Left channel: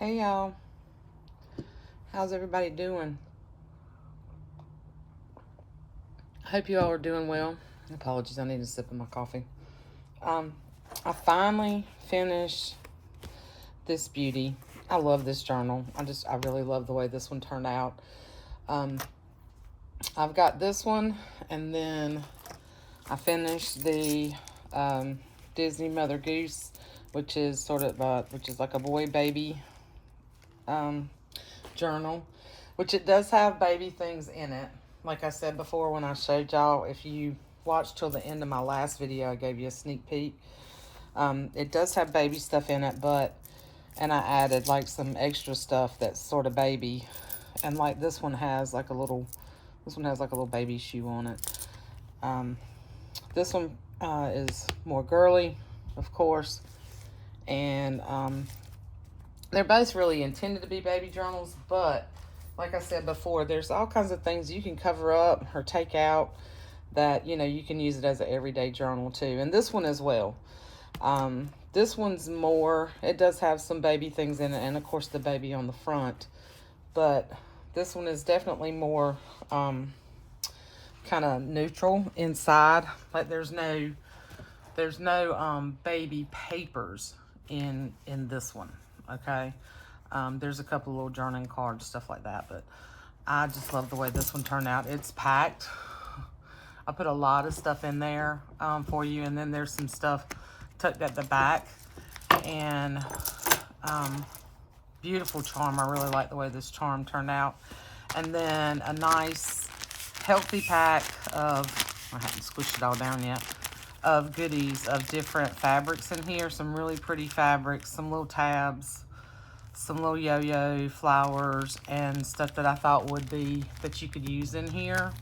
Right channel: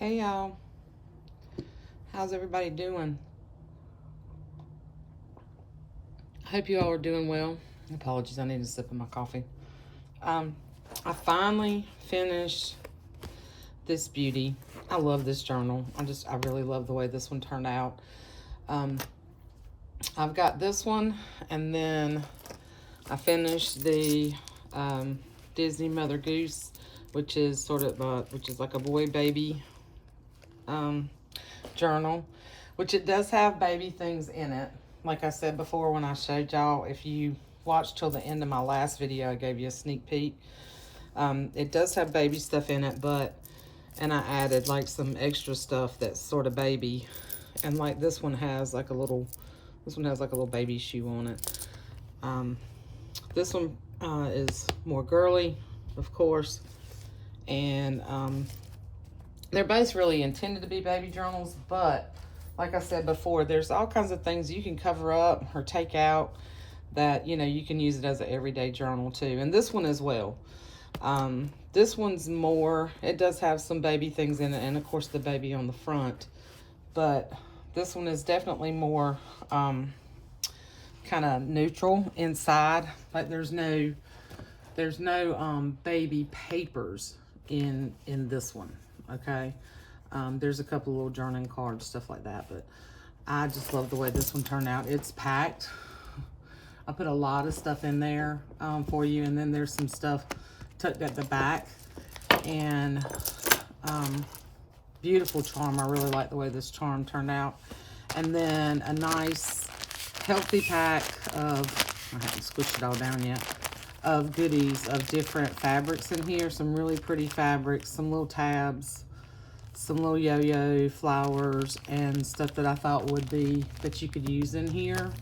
Hey y'all, how's everybody doing? I hope you all are doing well. Apologies, I need a sip of my coffee. Um, I finally finished this beauty. I love this journal. I really love the way this one turned out. Um, I've got this one, and then I finished the um, Disney Mother Goose, which is which is like a boy baby um, journal, which it does have baby things in it. Like I said before when I showed y'all, if you watched till the end of my last video, I gave you a sneak peek. It does have baby stuff in it, and I added like some extra stuff that's sort of baby. And like this one has like a little baby shoe on it. This one is more girly, of course. And they're both really intended to be baby journals, but like I said before, there's all kinds of things you can cover up or take out that, you can use it as an everyday journal too. And this one as well. This one's more, it does have some baby things in it, and of course the baby on the front, but this one is definitely more kind of neutral inside. Like there's no baby papers in this one. Okay. There's a couple little journaling cards, stuff like that, but I just love the way this one turned out. It's packed. I put a lot of stuff in there for you, and then there's some stuff tucked at the back. And beautiful charm. I really like the way this charm turned out. And then a nice healthy pack of, I haven't squished it all down yet, of goodies of different fabrics in here. Some really pretty fabrics, some little tabs, some little yo-yo flowers, and stuff that I thought that you could use in here.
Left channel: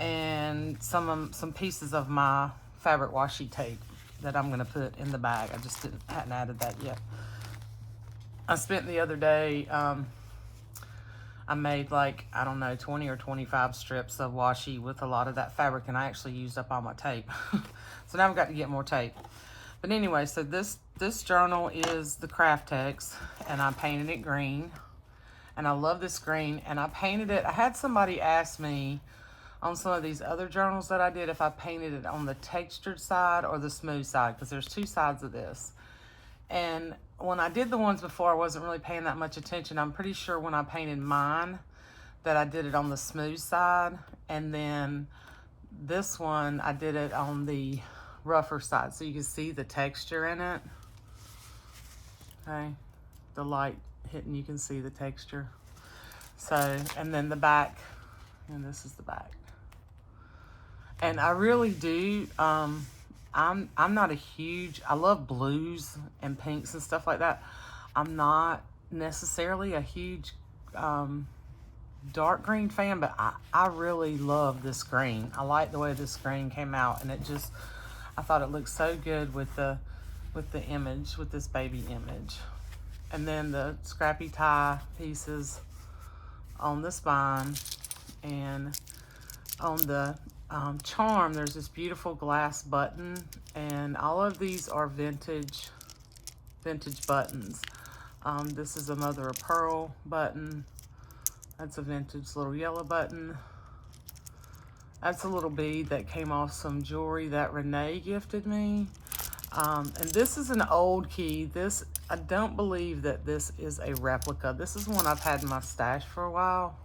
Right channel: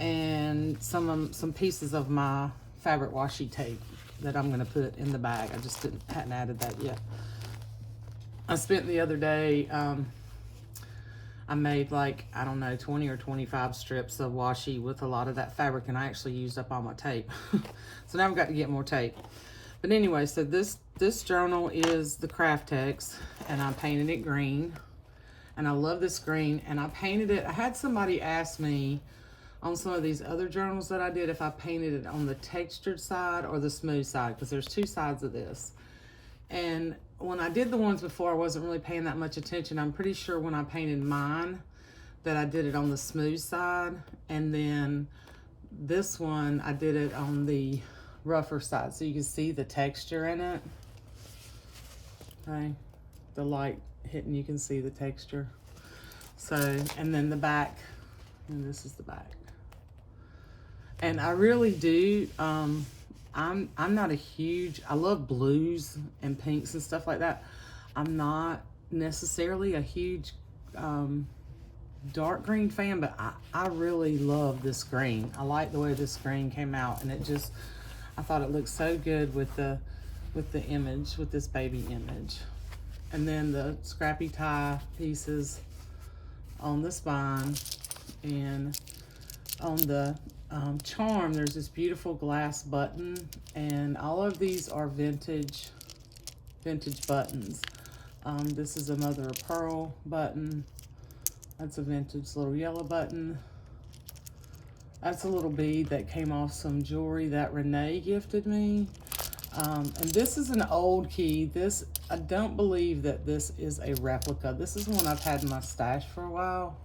And some pieces of my fabric washi tape that I'm gonna put in the bag. I just hadn't added that yet. I spent the other day, I made like, I don't know, 20 or 25 strips of washi with a lot of that fabric, and I actually used up all my tape. So now I've got to get more tape. But anyway, so this journal is the Craft Text, and I painted it green. And I love this green, and I painted it. I had somebody ask me on some of these other journals that I did if I painted it on the textured side or the smooth side, because there's two sides of this. And when I did the ones before, I wasn't really paying that much attention. I'm pretty sure when I painted mine that I did it on the smooth side, and then this one I did it on the rougher side, so you can see the texture in it. Okay, the light hitting, you can see the texture. So, and then the back, and this is the back. And I really do, I'm not a huge, I love blues and pinks and stuff like that. I'm not necessarily a huge dark green fan, but I really love this green. I like the way this green came out, and I thought it looked so good with the image, with this baby image. And then the scrappy tie pieces on the spine, and on the charm, there's this beautiful glass button, and all of these are vintage buttons. This is a mother of pearl button. That's a vintage little yellow button. That's a little bead that came off some jewelry that Renee gifted me. And this is an old key. I don't believe that this is a replica. This is one I've had in my stash for a while.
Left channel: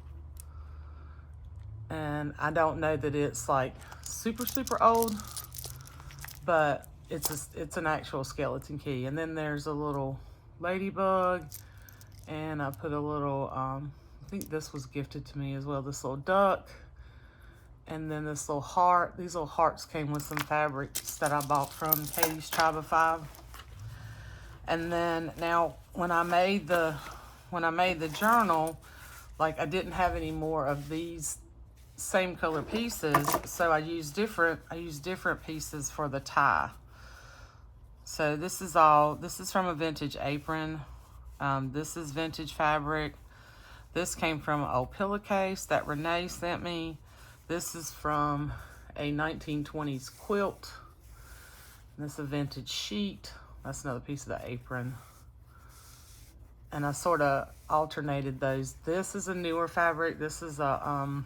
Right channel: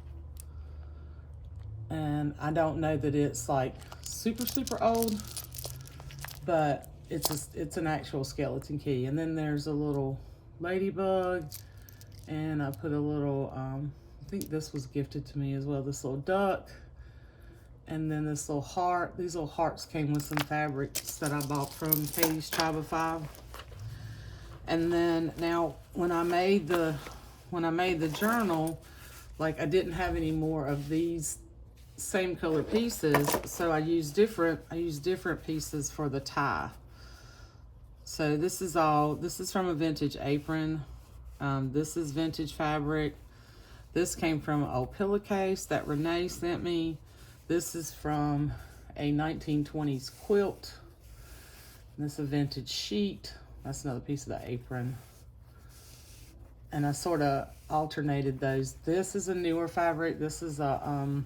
And I don't know that it's like super, super old, but it's an actual skeleton key. And then there's a little ladybug, and I put a little, I think this was gifted to me as well, this little duck, and then this little heart. These little hearts came with some fabrics that I bought from Katie's Tribe of Five. And then now when I made the journal, like I didn't have any more of these same color pieces, so I used different pieces for the tie. So this is from a vintage apron. This is vintage fabric. This came from an old pillowcase that Renee sent me. This is from a 1920s quilt. And this is a vintage sheet. That's another piece of the apron. and I sort of alternated those. This is a newer fabric. This is a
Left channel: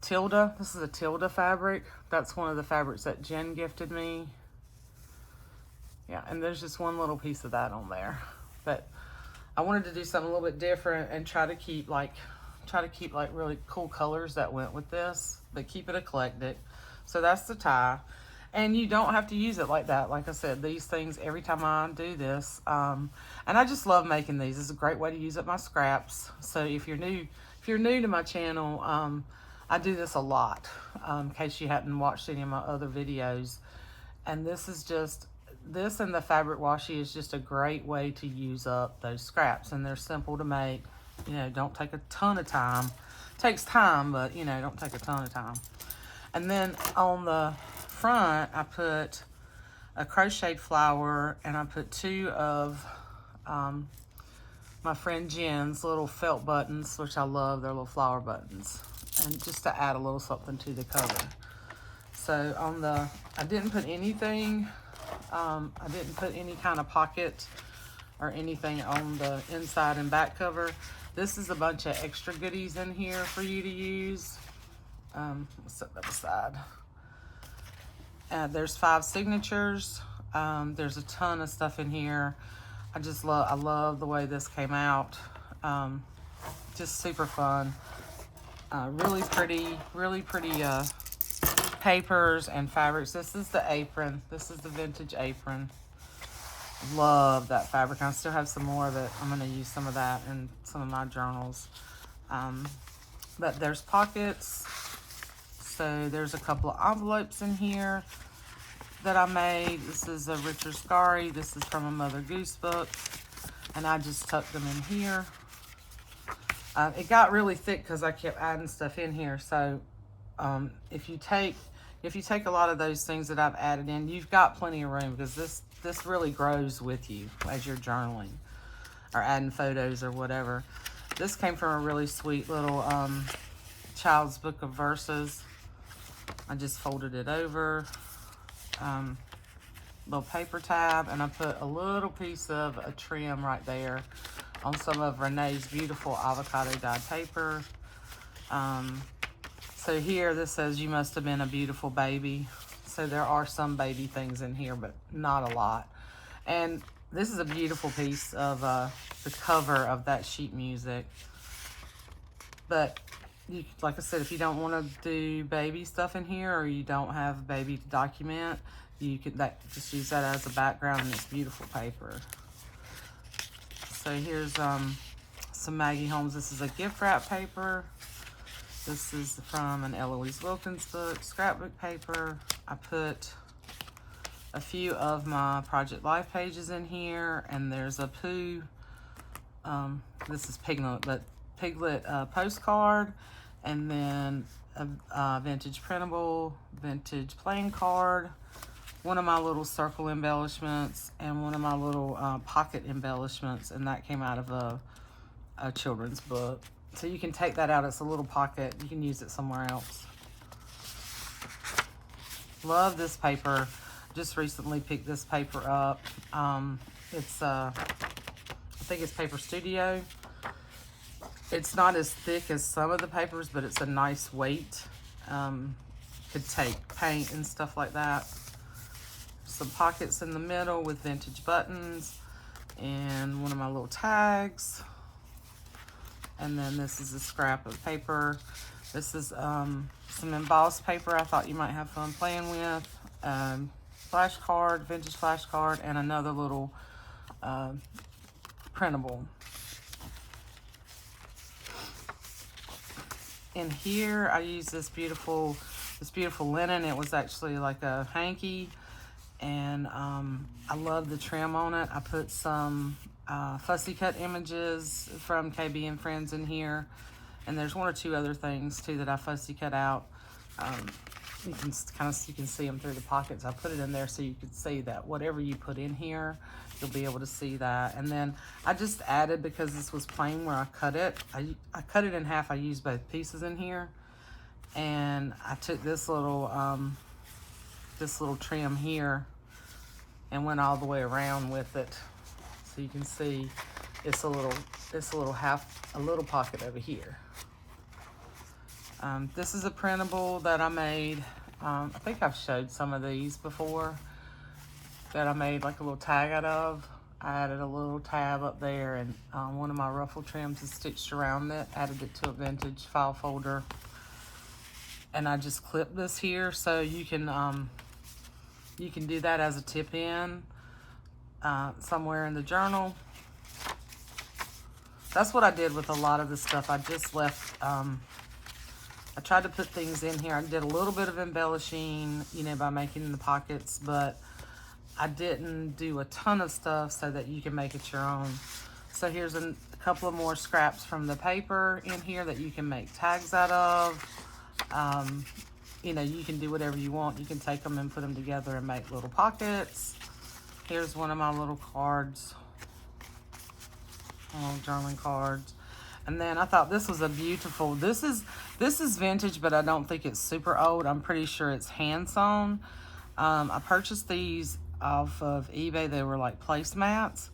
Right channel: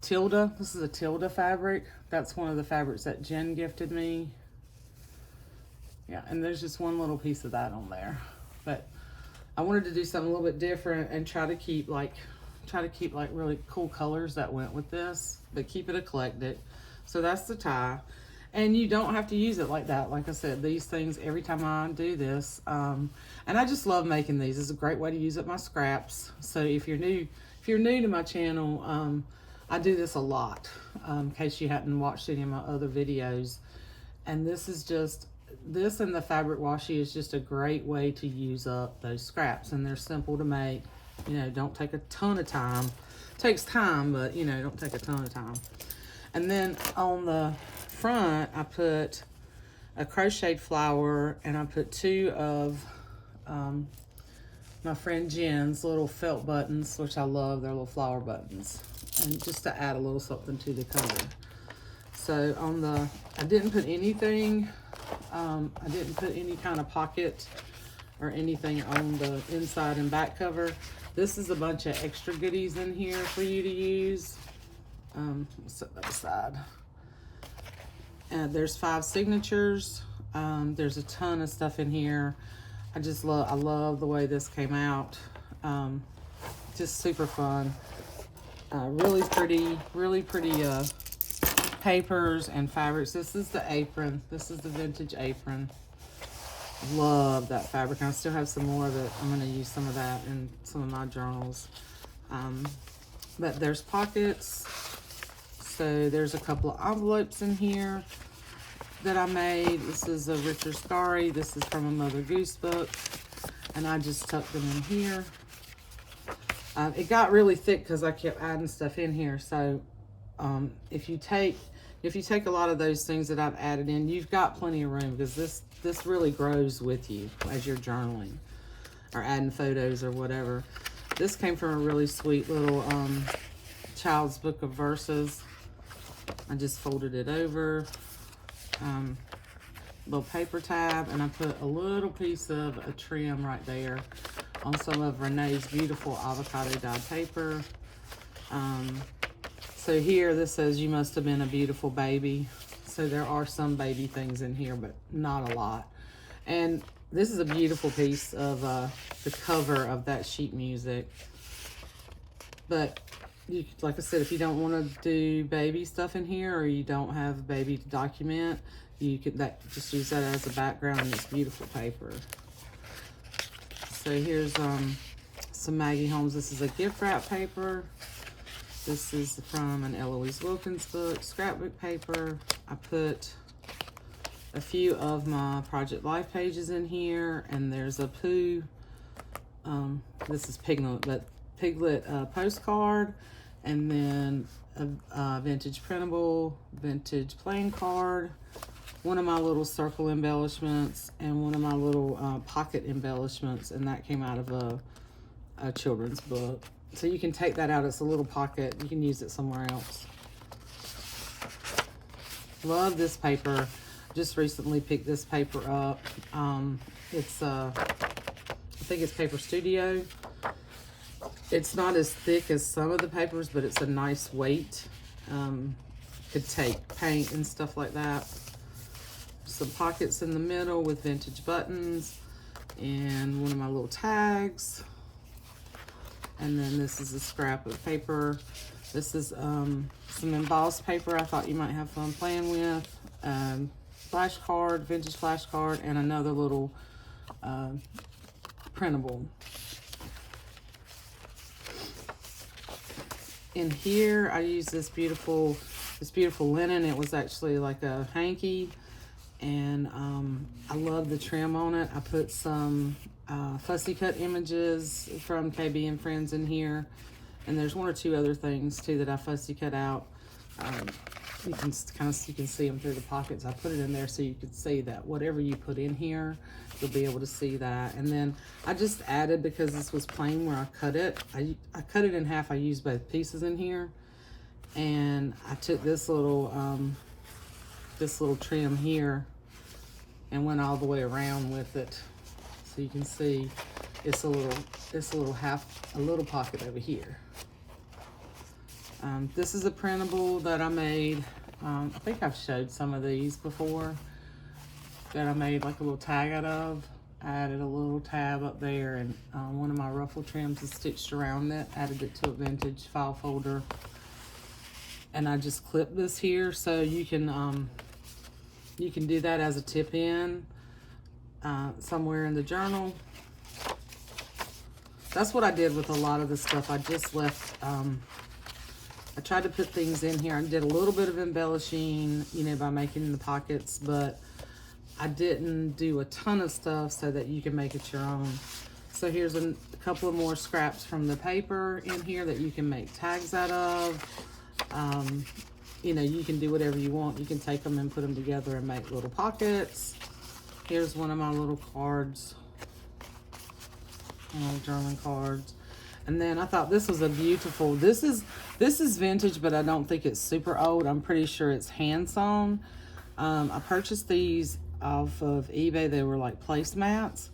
Tilda. This is a Tilda fabric. That's one of the fabrics that Jen gifted me. Yeah, and there's just one little piece of that on there. But I wanted to do something a little bit different and try to keep like really cool colors that went with this, but keep it eclectic. So that's the tie. And you don't have to use it like that. Like I said, these things, every time I do this, and I just love making these. It's a great way to use up my scraps. So if you're new to my channel, I do this a lot, in case you hadn't watched any of my other videos. And this and the fabric washi is just a great way to use up those scraps. And they're simple to make, you know, don't take a ton of time. It takes time, but you know, don't take a ton of time. And then on the front, I put a crocheted flower, and I put 2 of my friend Jen's little felt buttons, which I love. They're little flower buttons, and just to add a little something to the cover. So on the, I didn't put anything, I didn't put any kind of pocket or anything on the inside and back cover. This is a bunch of extra goodies in here for you to use. Set that aside. There's 5 signatures. There's a ton of stuff in here. I love the way this came out. Just super fun. Really pretty papers and fabrics. This is the apron. This is the vintage apron. Love that fabric. I still have some more of it. I'm gonna use some of that in some of my journals. But there's pockets. So there's a couple of envelopes in here that I made. This is a Richard Scarry. This is from a Mother Goose book. And I just tucked them in here. It got really thick because I kept adding stuff in here. So if you take a lot of those things that I've added in, you've got plenty of room, because this really grows with you as you're journaling or adding photos or whatever. This came from a really sweet little child's book of verses. I just folded it over, little paper tab, and I put a little piece of a trim right there on some of Renee's beautiful avocado dyed paper. So here this says, "You must have been a beautiful baby." So there are some baby things in here, but not a lot. And this is a beautiful piece of the cover of that sheet music. But like I said, if you don't want to do baby stuff in here, or you don't have baby to document, you could just use that as a background, and it's beautiful paper. So here's some Maggie Holmes. This is a gift wrap paper. This is from an Eloise Wilkins book, scrapbook paper. I put a few of my Project Life pages in here, and there's a Pooh. This is Piglet postcard, and then a vintage printable, vintage playing card, one of my little circle embellishments, and one of my little pocket embellishments, and that came out of a children's book. So you can take that out. It's a little pocket. You can use it somewhere else. Love this paper. Just recently picked this paper up. It's I think it's Paper Studio. It's not as thick as some of the papers, but it's a nice weight. Could take paint and stuff like that. Some pockets in the middle with vintage buttons, and one of my little tags. And then this is a scrap of paper. This is some embossed paper I thought you might have fun playing with. Flashcard, vintage flashcard, and another little printable. In here, I used this beautiful linen. It was actually like a hanky, and I love the trim on it. I put some fussy cut images from KB and Friends in here, and there's 1 or 2 other things too that I fussy cut out. You can see them through the pockets. I put it in there so you could see that whatever you put in here, you'll be able to see that. And then I just added, because this was plain where I cut it, I cut it in half. I used both pieces in here, and I took this little trim here and went all the way around with it. So you can see it's a little pocket over here. This is a printable that I made. I think I've showed some of these before that I made like a little tag out of. I added a little tab up there, and one of my ruffle trims is stitched around it. Added it to a vintage file folder. And I just clipped this here, so you can do that as a tip in somewhere in the journal. That's what I did with a lot of the stuff. I just left, I tried to put things in here. I did a little bit of embellishing, you know, by making the pockets, but I didn't do a ton of stuff so that you can make it your own. So here's a couple of more scraps from the paper in here that you can make tags out of. You know, you can do whatever you want. You can take them and put them together and make little pockets. Here's one of my little cards, journaling cards. And then I thought this was a beautiful, this is vintage, but I don't think it's super old. I'm pretty sure it's hand sewn. I purchased these off of eBay. They were like placemats,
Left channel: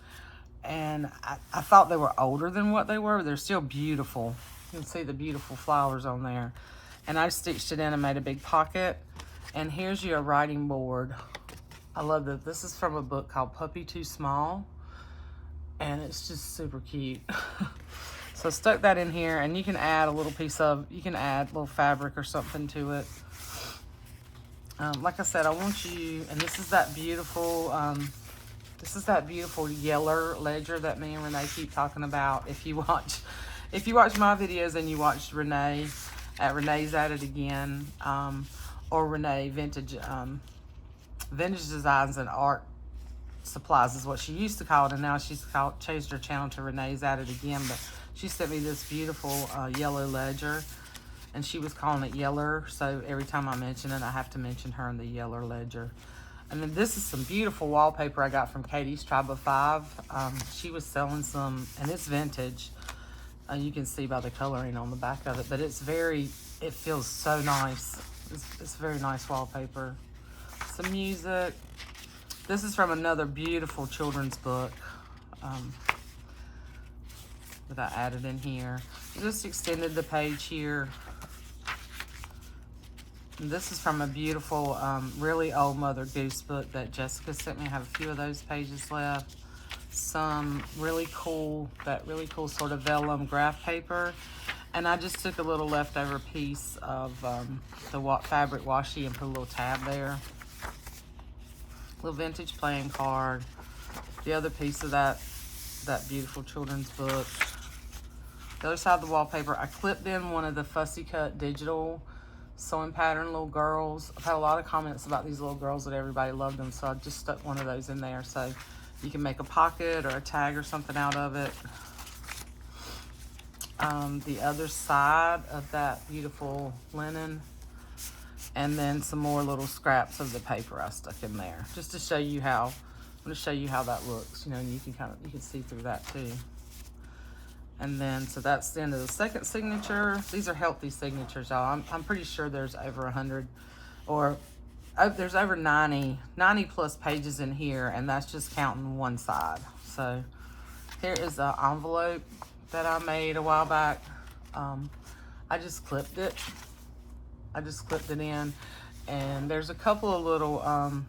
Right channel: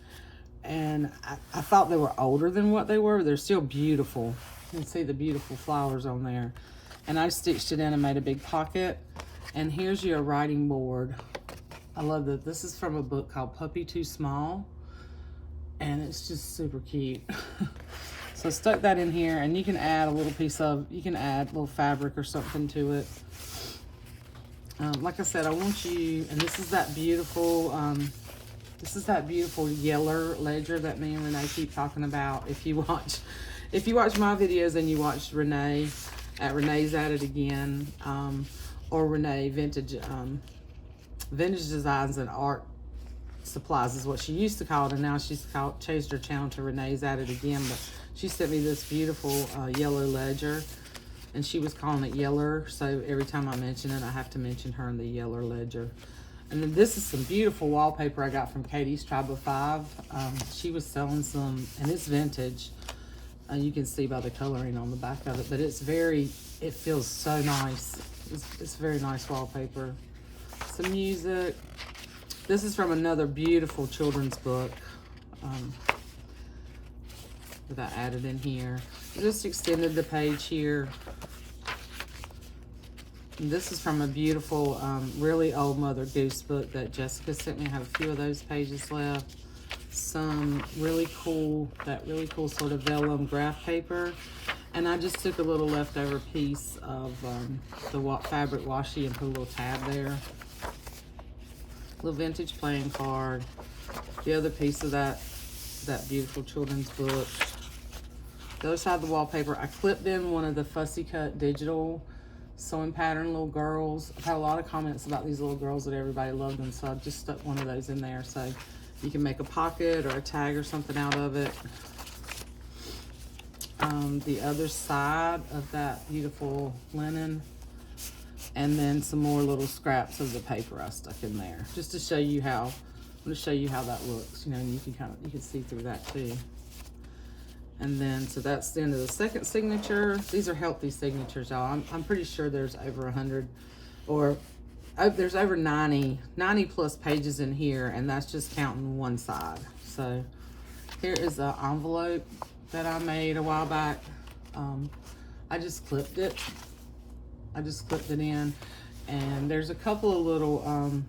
and I thought they were older than what they were. They're still beautiful. You can see the beautiful flowers on there. And I stitched it in and made a big pocket. And here's your writing board. I love that. This is from a book called Puppy Too Small, and it's just super cute. So I stuck that in here, and you can add a little piece of, you can add a little fabric or something to it. Like I said, I want you, and this is that beautiful yeller ledger that me and Renee keep talking about. If you watch my videos and you watched Renee at Renee's At It Again, or Renee Vintage Designs and Art Supplies is what she used to call it, and now she's changed her channel to Renee's At It Again. But she sent me this beautiful yellow ledger, and she was calling it Yeller, so every time I mention it, I have to mention her in the Yeller ledger. And then this is some beautiful wallpaper I got from Katie's Tribe of Five. She was selling some, and it's vintage. You can see by the coloring on the back of it, but it feels so nice. It's very nice wallpaper. Some music. This is from another beautiful children's book that I added in here. I just extended the page here. And this is from a beautiful, really old Mother Goose book that Jessica sent me. I have a few of those pages left. Some really cool sort of vellum graph paper. And I just took a little leftover piece of the fabric washi and put a little tab there. Little vintage playing card. The other piece of that beautiful children's book. The other side of the wallpaper, I clipped in one of the Fussy Cut digital sewing pattern little girls. I've had a lot of comments about these little girls that everybody loved them, so I just stuck one of those in there. So you can make a pocket or a tag or something out of it. The other side of that beautiful linen, and then some more little scraps of the paper I stuck in there, just to show you how. I'm going to show you how that looks. You know, you can see through that too. And then, so that's the end of the second signature. These are healthy signatures, y'all. I'm pretty sure there's over 100, or there's over 90 plus pages in here, and that's just counting one side. So here is an envelope that I made a while back. I just clipped it. In, and there's a couple of little,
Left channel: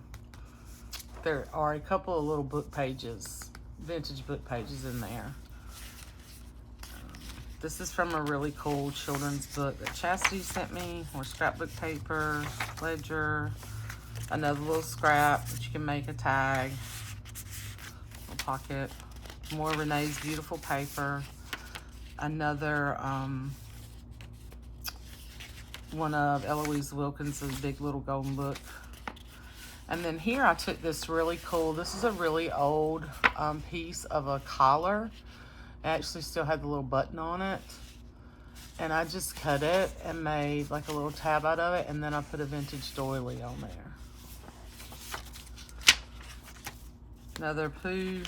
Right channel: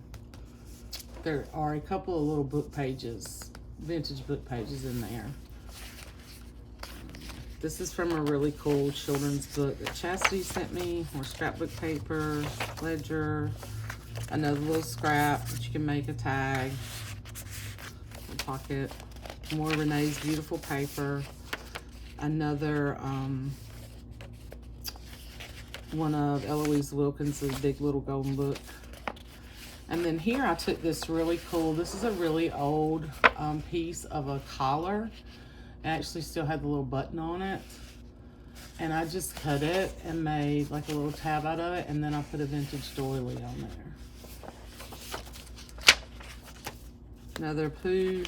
there are a couple of little book pages, vintage book pages in there. This is from a really cool children's book that Chastity sent me. More scrapbook paper, ledger, another little scrap that you can make a tag, a pocket. More Renee's beautiful paper. Another one of Eloise Wilkins's big little golden book. And then here I took this really cool, this is a really old piece of a collar. It actually still had the little button on it. And I just cut it and made like a little tab out of it, and then I put a vintage doily on there. Another Pooh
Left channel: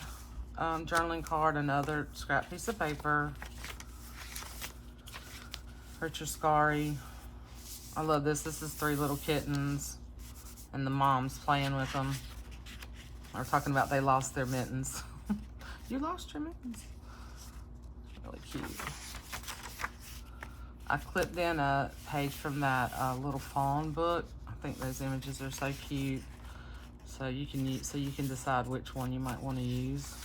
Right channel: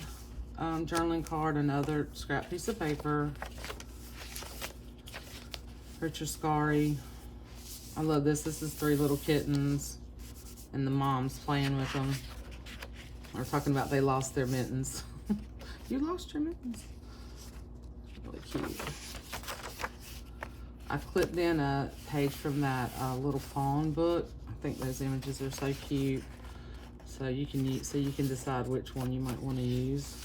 journaling card, another scrap piece of paper. Richard Scarry. I love this. This is 3 little kittens, and the mom's playing with them. They're talking about they lost their mittens. You lost your mittens. Really cute. I clipped in a page from that little fawn book. I think those images are so cute. So you can decide which one you might want to use.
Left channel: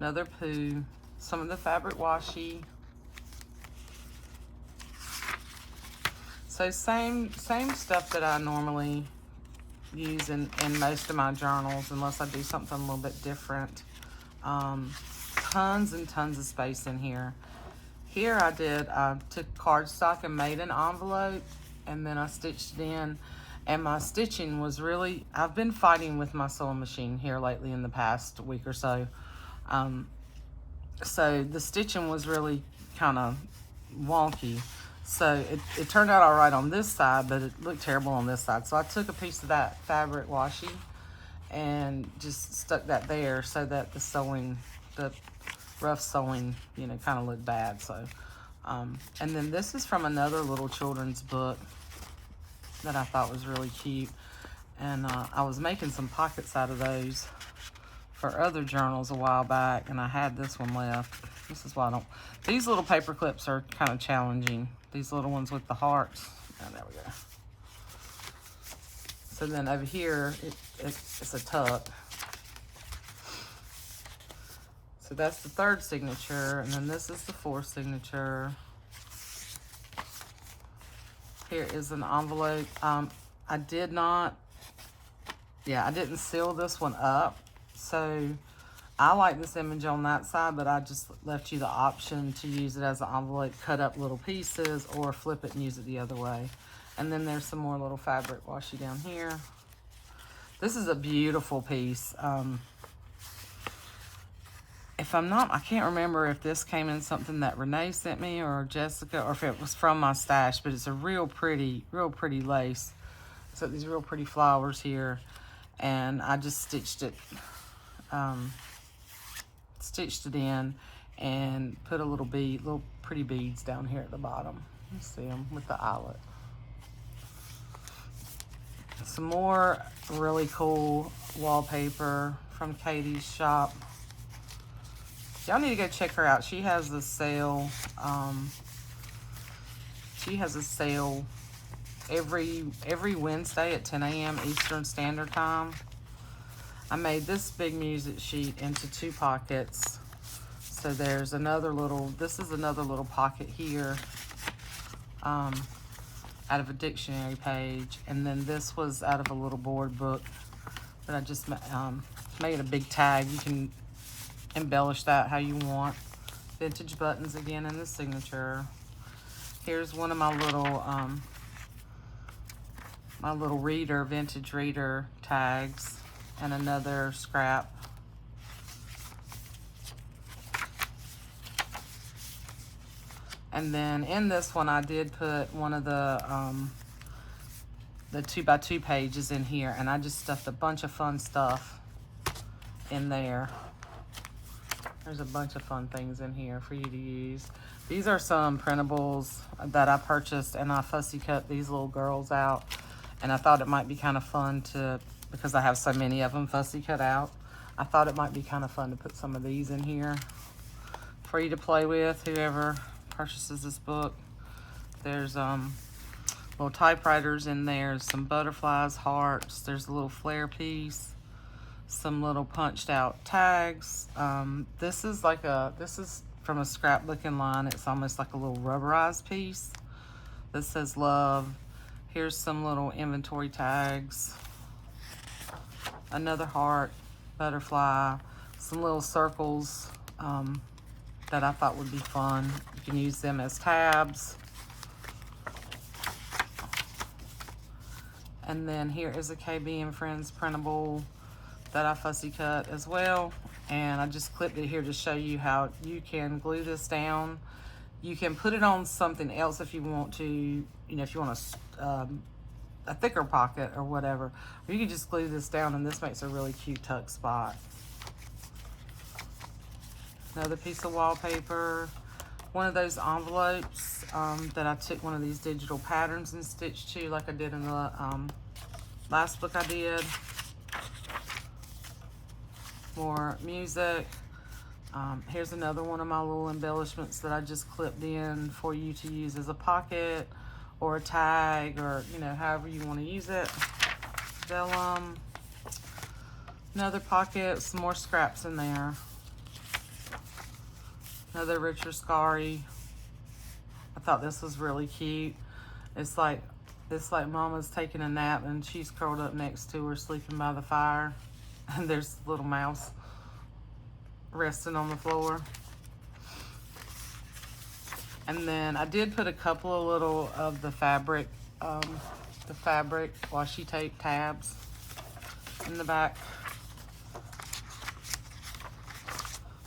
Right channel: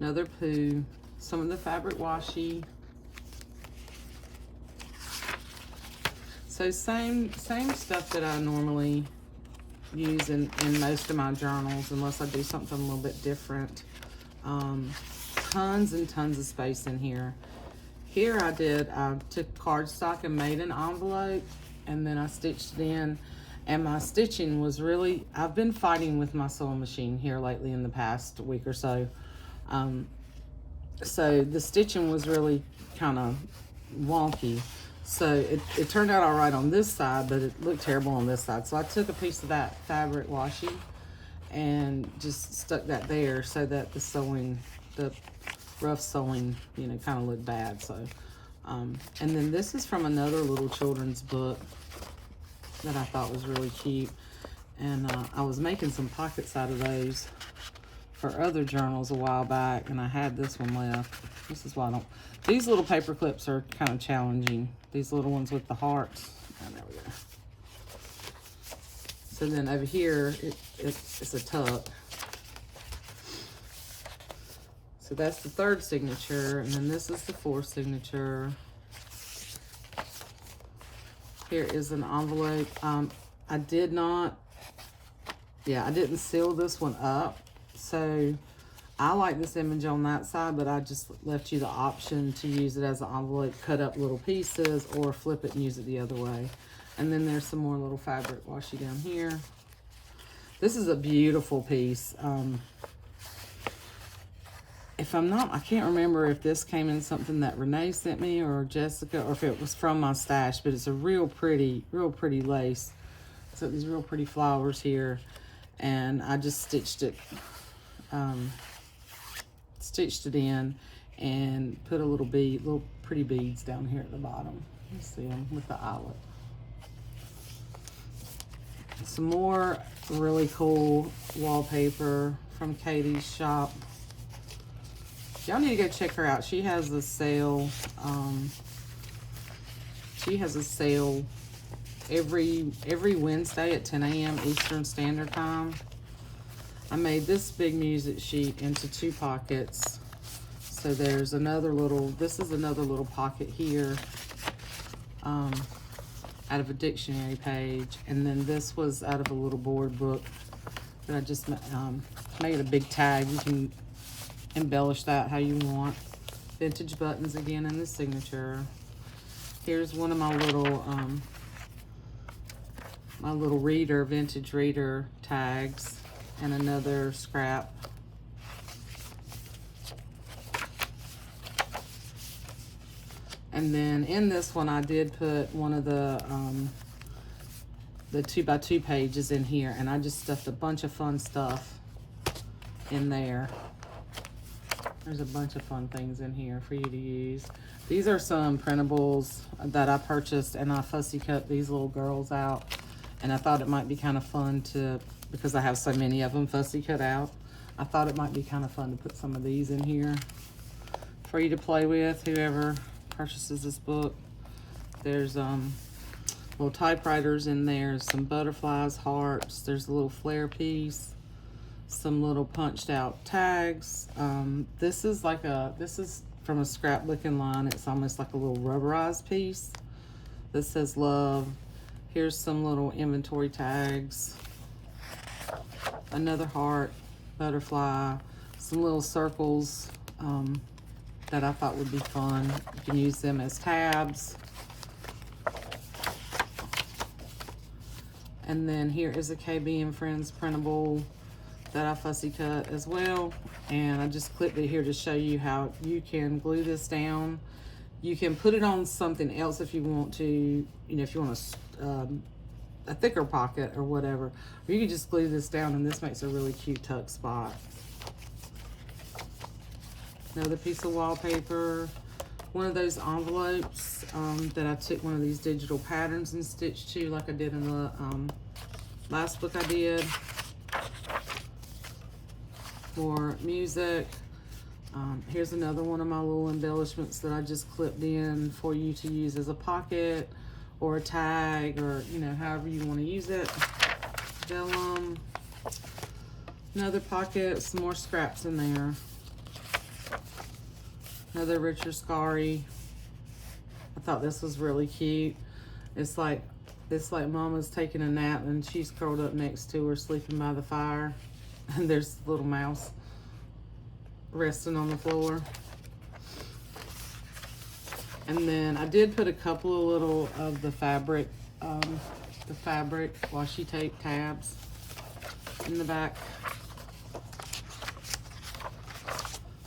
Another poo. Some of the fabric washi. So same stuff that I normally use in most of my journals, unless I do something a little bit different. Tons and tons of space in here. Here I took cardstock and made an envelope, and then I stitched it in. And my stitching was really, I've been fighting with my sewing machine here lately in the past week or so. So the stitching was really kind of wonky. So it turned out all right on this side, but it looked terrible on this side. So I took a piece of that fabric washi and just stuck that there so that the rough sewing, you know, kind of looked bad. So, and then this is from another little children's book that I thought was really cute. And I was making some pockets out of those for other journals a while back, and I had this one left. This is why I don't, these little paper clips are kind of challenging. These little ones with the hearts. Oh, there we go. So then over here, it's a tuck. So that's the third signature, and then this is the fourth signature. Here is an envelope. I didn't seal this one up. So I like this image on that side, but I just left you the option to use it as an envelope, cut up little pieces, or flip it and use it the other way. And then there's some more little fabric washi down here. This is a beautiful piece. If I'm not, I can't remember if this came in something that Renee sent me or Jessica, or if it was from my stash, but it's a real pretty lace. So these real pretty flowers here, and I just stitched it in and put a little pretty beads down here at the bottom. You see them with the eyelet. Some more really cool wallpaper from Katie's shop. Y'all need to go check her out. She has a sale. Every Wednesday at 10 a.m. Eastern Standard Time. I made this big music sheet into 2 pockets. So there's another little, this is another little pocket here out of a dictionary page. And then this was out of a little board book that I just made a big tag. You can embellish that how you want. Vintage buttons again in the signature. Here's one of my little vintage reader tags, and another scrap. And then in this one, I did put one of the 2x2 pages in here, and I just stuffed a bunch of fun stuff in there. There's a bunch of fun things in here for you to use. These are some printables that I purchased, and I fussy cut these little girls out. And I thought it might be kind of fun to, because I have so many of them fussy cut out, I thought it might be kind of fun to put some of these in here for you to play with, whoever purchases this book. There's little typewriters in there, some butterflies, hearts, there's a little flare piece, some little punched out tags. This is from a scrapbooking line. It's almost like a little rubberized piece that says love. Here's some little inventory tags, another heart, butterfly, some little circles that I thought would be fun. You can use them as tabs. And then here is a KB and Friends printable that I fussy cut as well. And I just clipped it here to show you how you can glue this down. You can put it on something else if you want to, you know, if you want a thicker pocket or whatever. Or you can just glue this down, and this makes a really cute tuck spot. Another piece of wallpaper. One of those envelopes that I took one of these digital patterns and stitched to, like I did in the last book I did. More music. Here's another one of my little embellishments that I just clipped in for you to use as a pocket or a tag, or, you know, however you want to use it. Vellum. Another pocket, some more scraps in there. Another Richard Scarry. I thought this was really cute. It's like Mama's taking a nap and she's curled up next to her, sleeping by the fire. And there's a little mouse resting on the floor. And then I did put a couple of little of the fabric washi tape tabs in the back.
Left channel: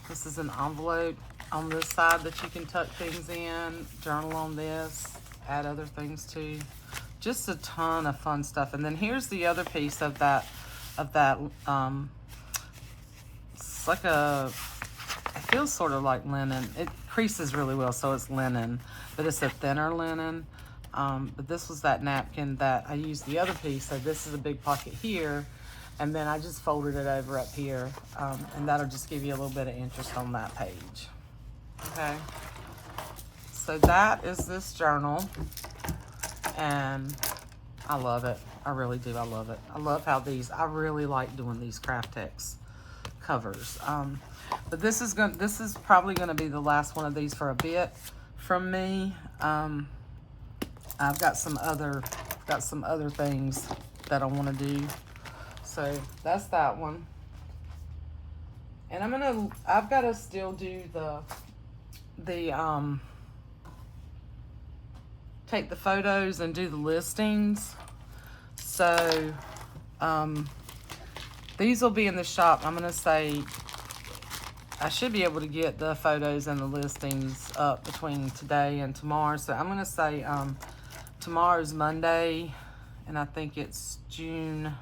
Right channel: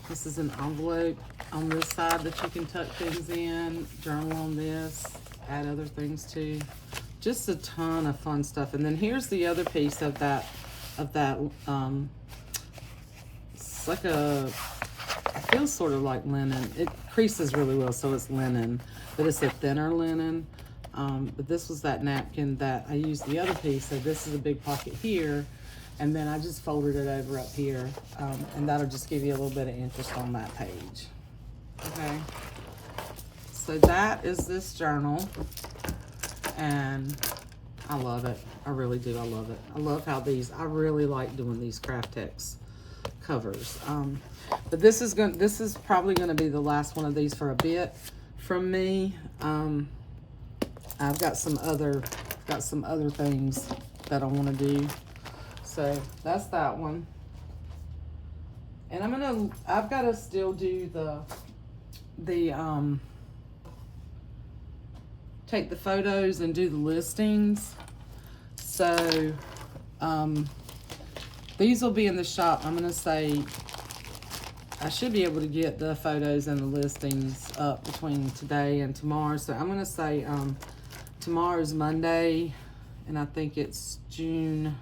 This is an envelope on this side that you can tuck things in, journal on this, add other things to. Just a ton of fun stuff. And then here's the other piece of that, it's like it feels sort of like linen. It creases really well, so it's linen, but it's a thinner linen. But this was that napkin that I used the other piece. So this is a big pocket here, and then I just folded it over up here, and that'll just give you a little bit of interest on that page. Okay, so that is this journal, and I love it. I really do. I love it. I love how I really like doing these Craftex covers. But this is probably gonna be the last one of these for a bit from me. I've got some other things that I want to do. So that's that one. And I've got to still do take the photos and do the listings. So these will be in the shop. I'm gonna say I should be able to get the photos and the listings up between today and tomorrow. So I'm gonna say tomorrow's Monday, and I think it's June.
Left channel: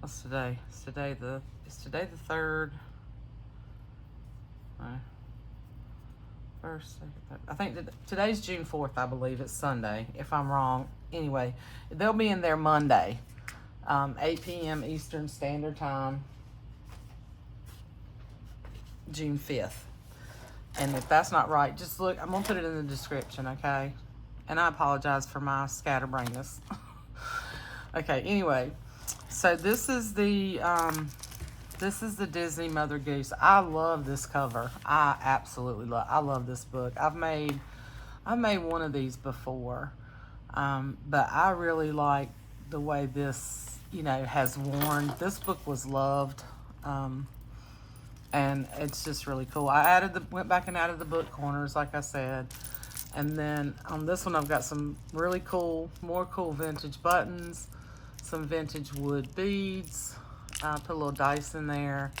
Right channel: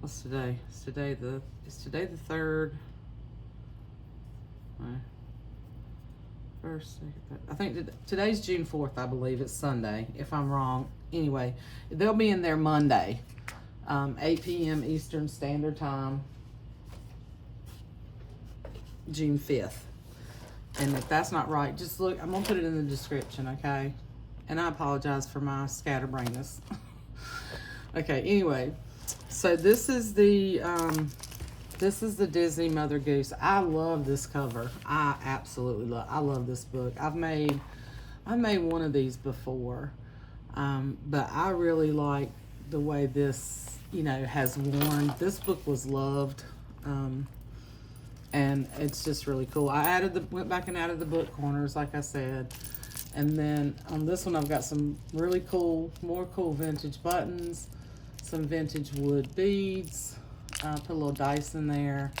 What's today? Is today the 3rd? First, second, third. I think today's June 4th, I believe. It's Sunday, if I'm wrong. Anyway, they'll be in there Monday, 8 p.m. Eastern Standard Time, June 5th. And if that's not right, just look. I'm going to put it in the description, okay? And I apologize for my scatterbrainness. Okay, anyway. So this is the Disney Mother Goose. I love this cover. I absolutely love this book. I've made one of these before, but I really like the way this, you know, has worn. This book was loved, and it's just really cool. I went back and added the book corners, like I said, and then on this one I've got some really more cool vintage buttons, some vintage wood beads. Put a little dice in there.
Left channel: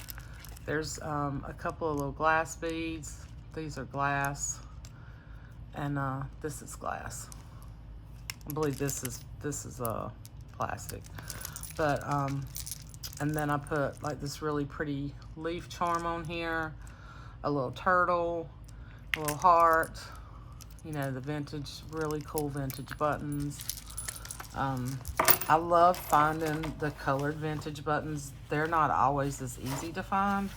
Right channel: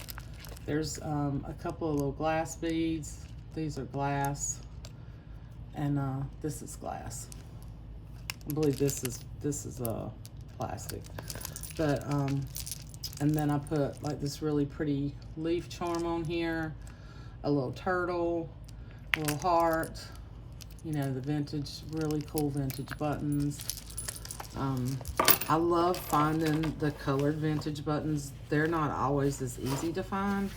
There's a couple of little glass beads. These are glass, and this is glass. I believe this is plastic. But and then I put like this really pretty leaf charm on here, a little turtle, a little heart. You know, the vintage, really cool vintage buttons. I love finding the colored vintage buttons. They're not always as easy to find.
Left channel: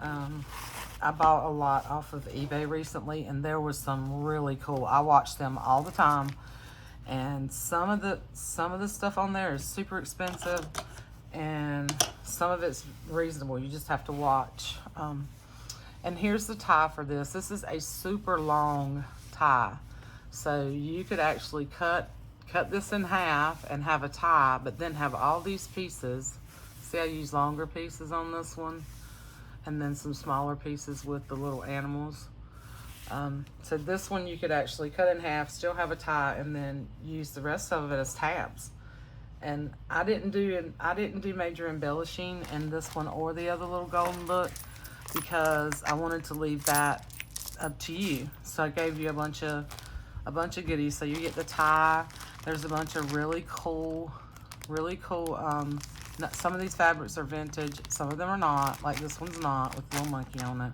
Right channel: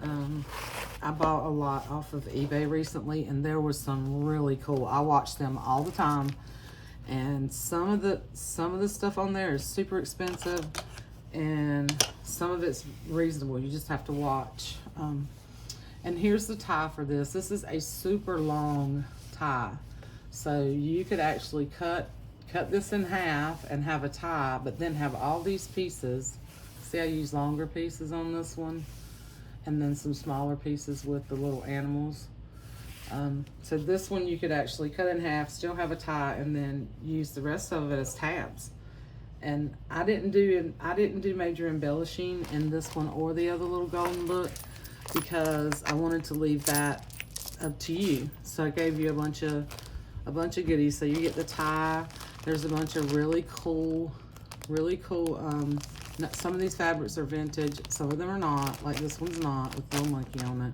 I bought a lot off of eBay recently, and there was some really cool. I watch them all the time, and some of the stuff on there is super expensive, and some of it's reasonable. You just have to watch. And here's the tie for this. This is a super long tie, so you could actually cut this in half and have a tie, but then have all these pieces. See, I use longer pieces on this one, and then some smaller pieces with the little animals. So this one you could actually cut in half, still have a tie, and then use the rest of it as tabs. And I didn't do major embellishing in this one or the other little golden book, because I wanted to leave that up to you. So I gave you a bunch of goodies. So you get the tie. There's a bunch of really cool, some of these fabrics are vintage, some of them are not, like this one's not, with a little monkey on it.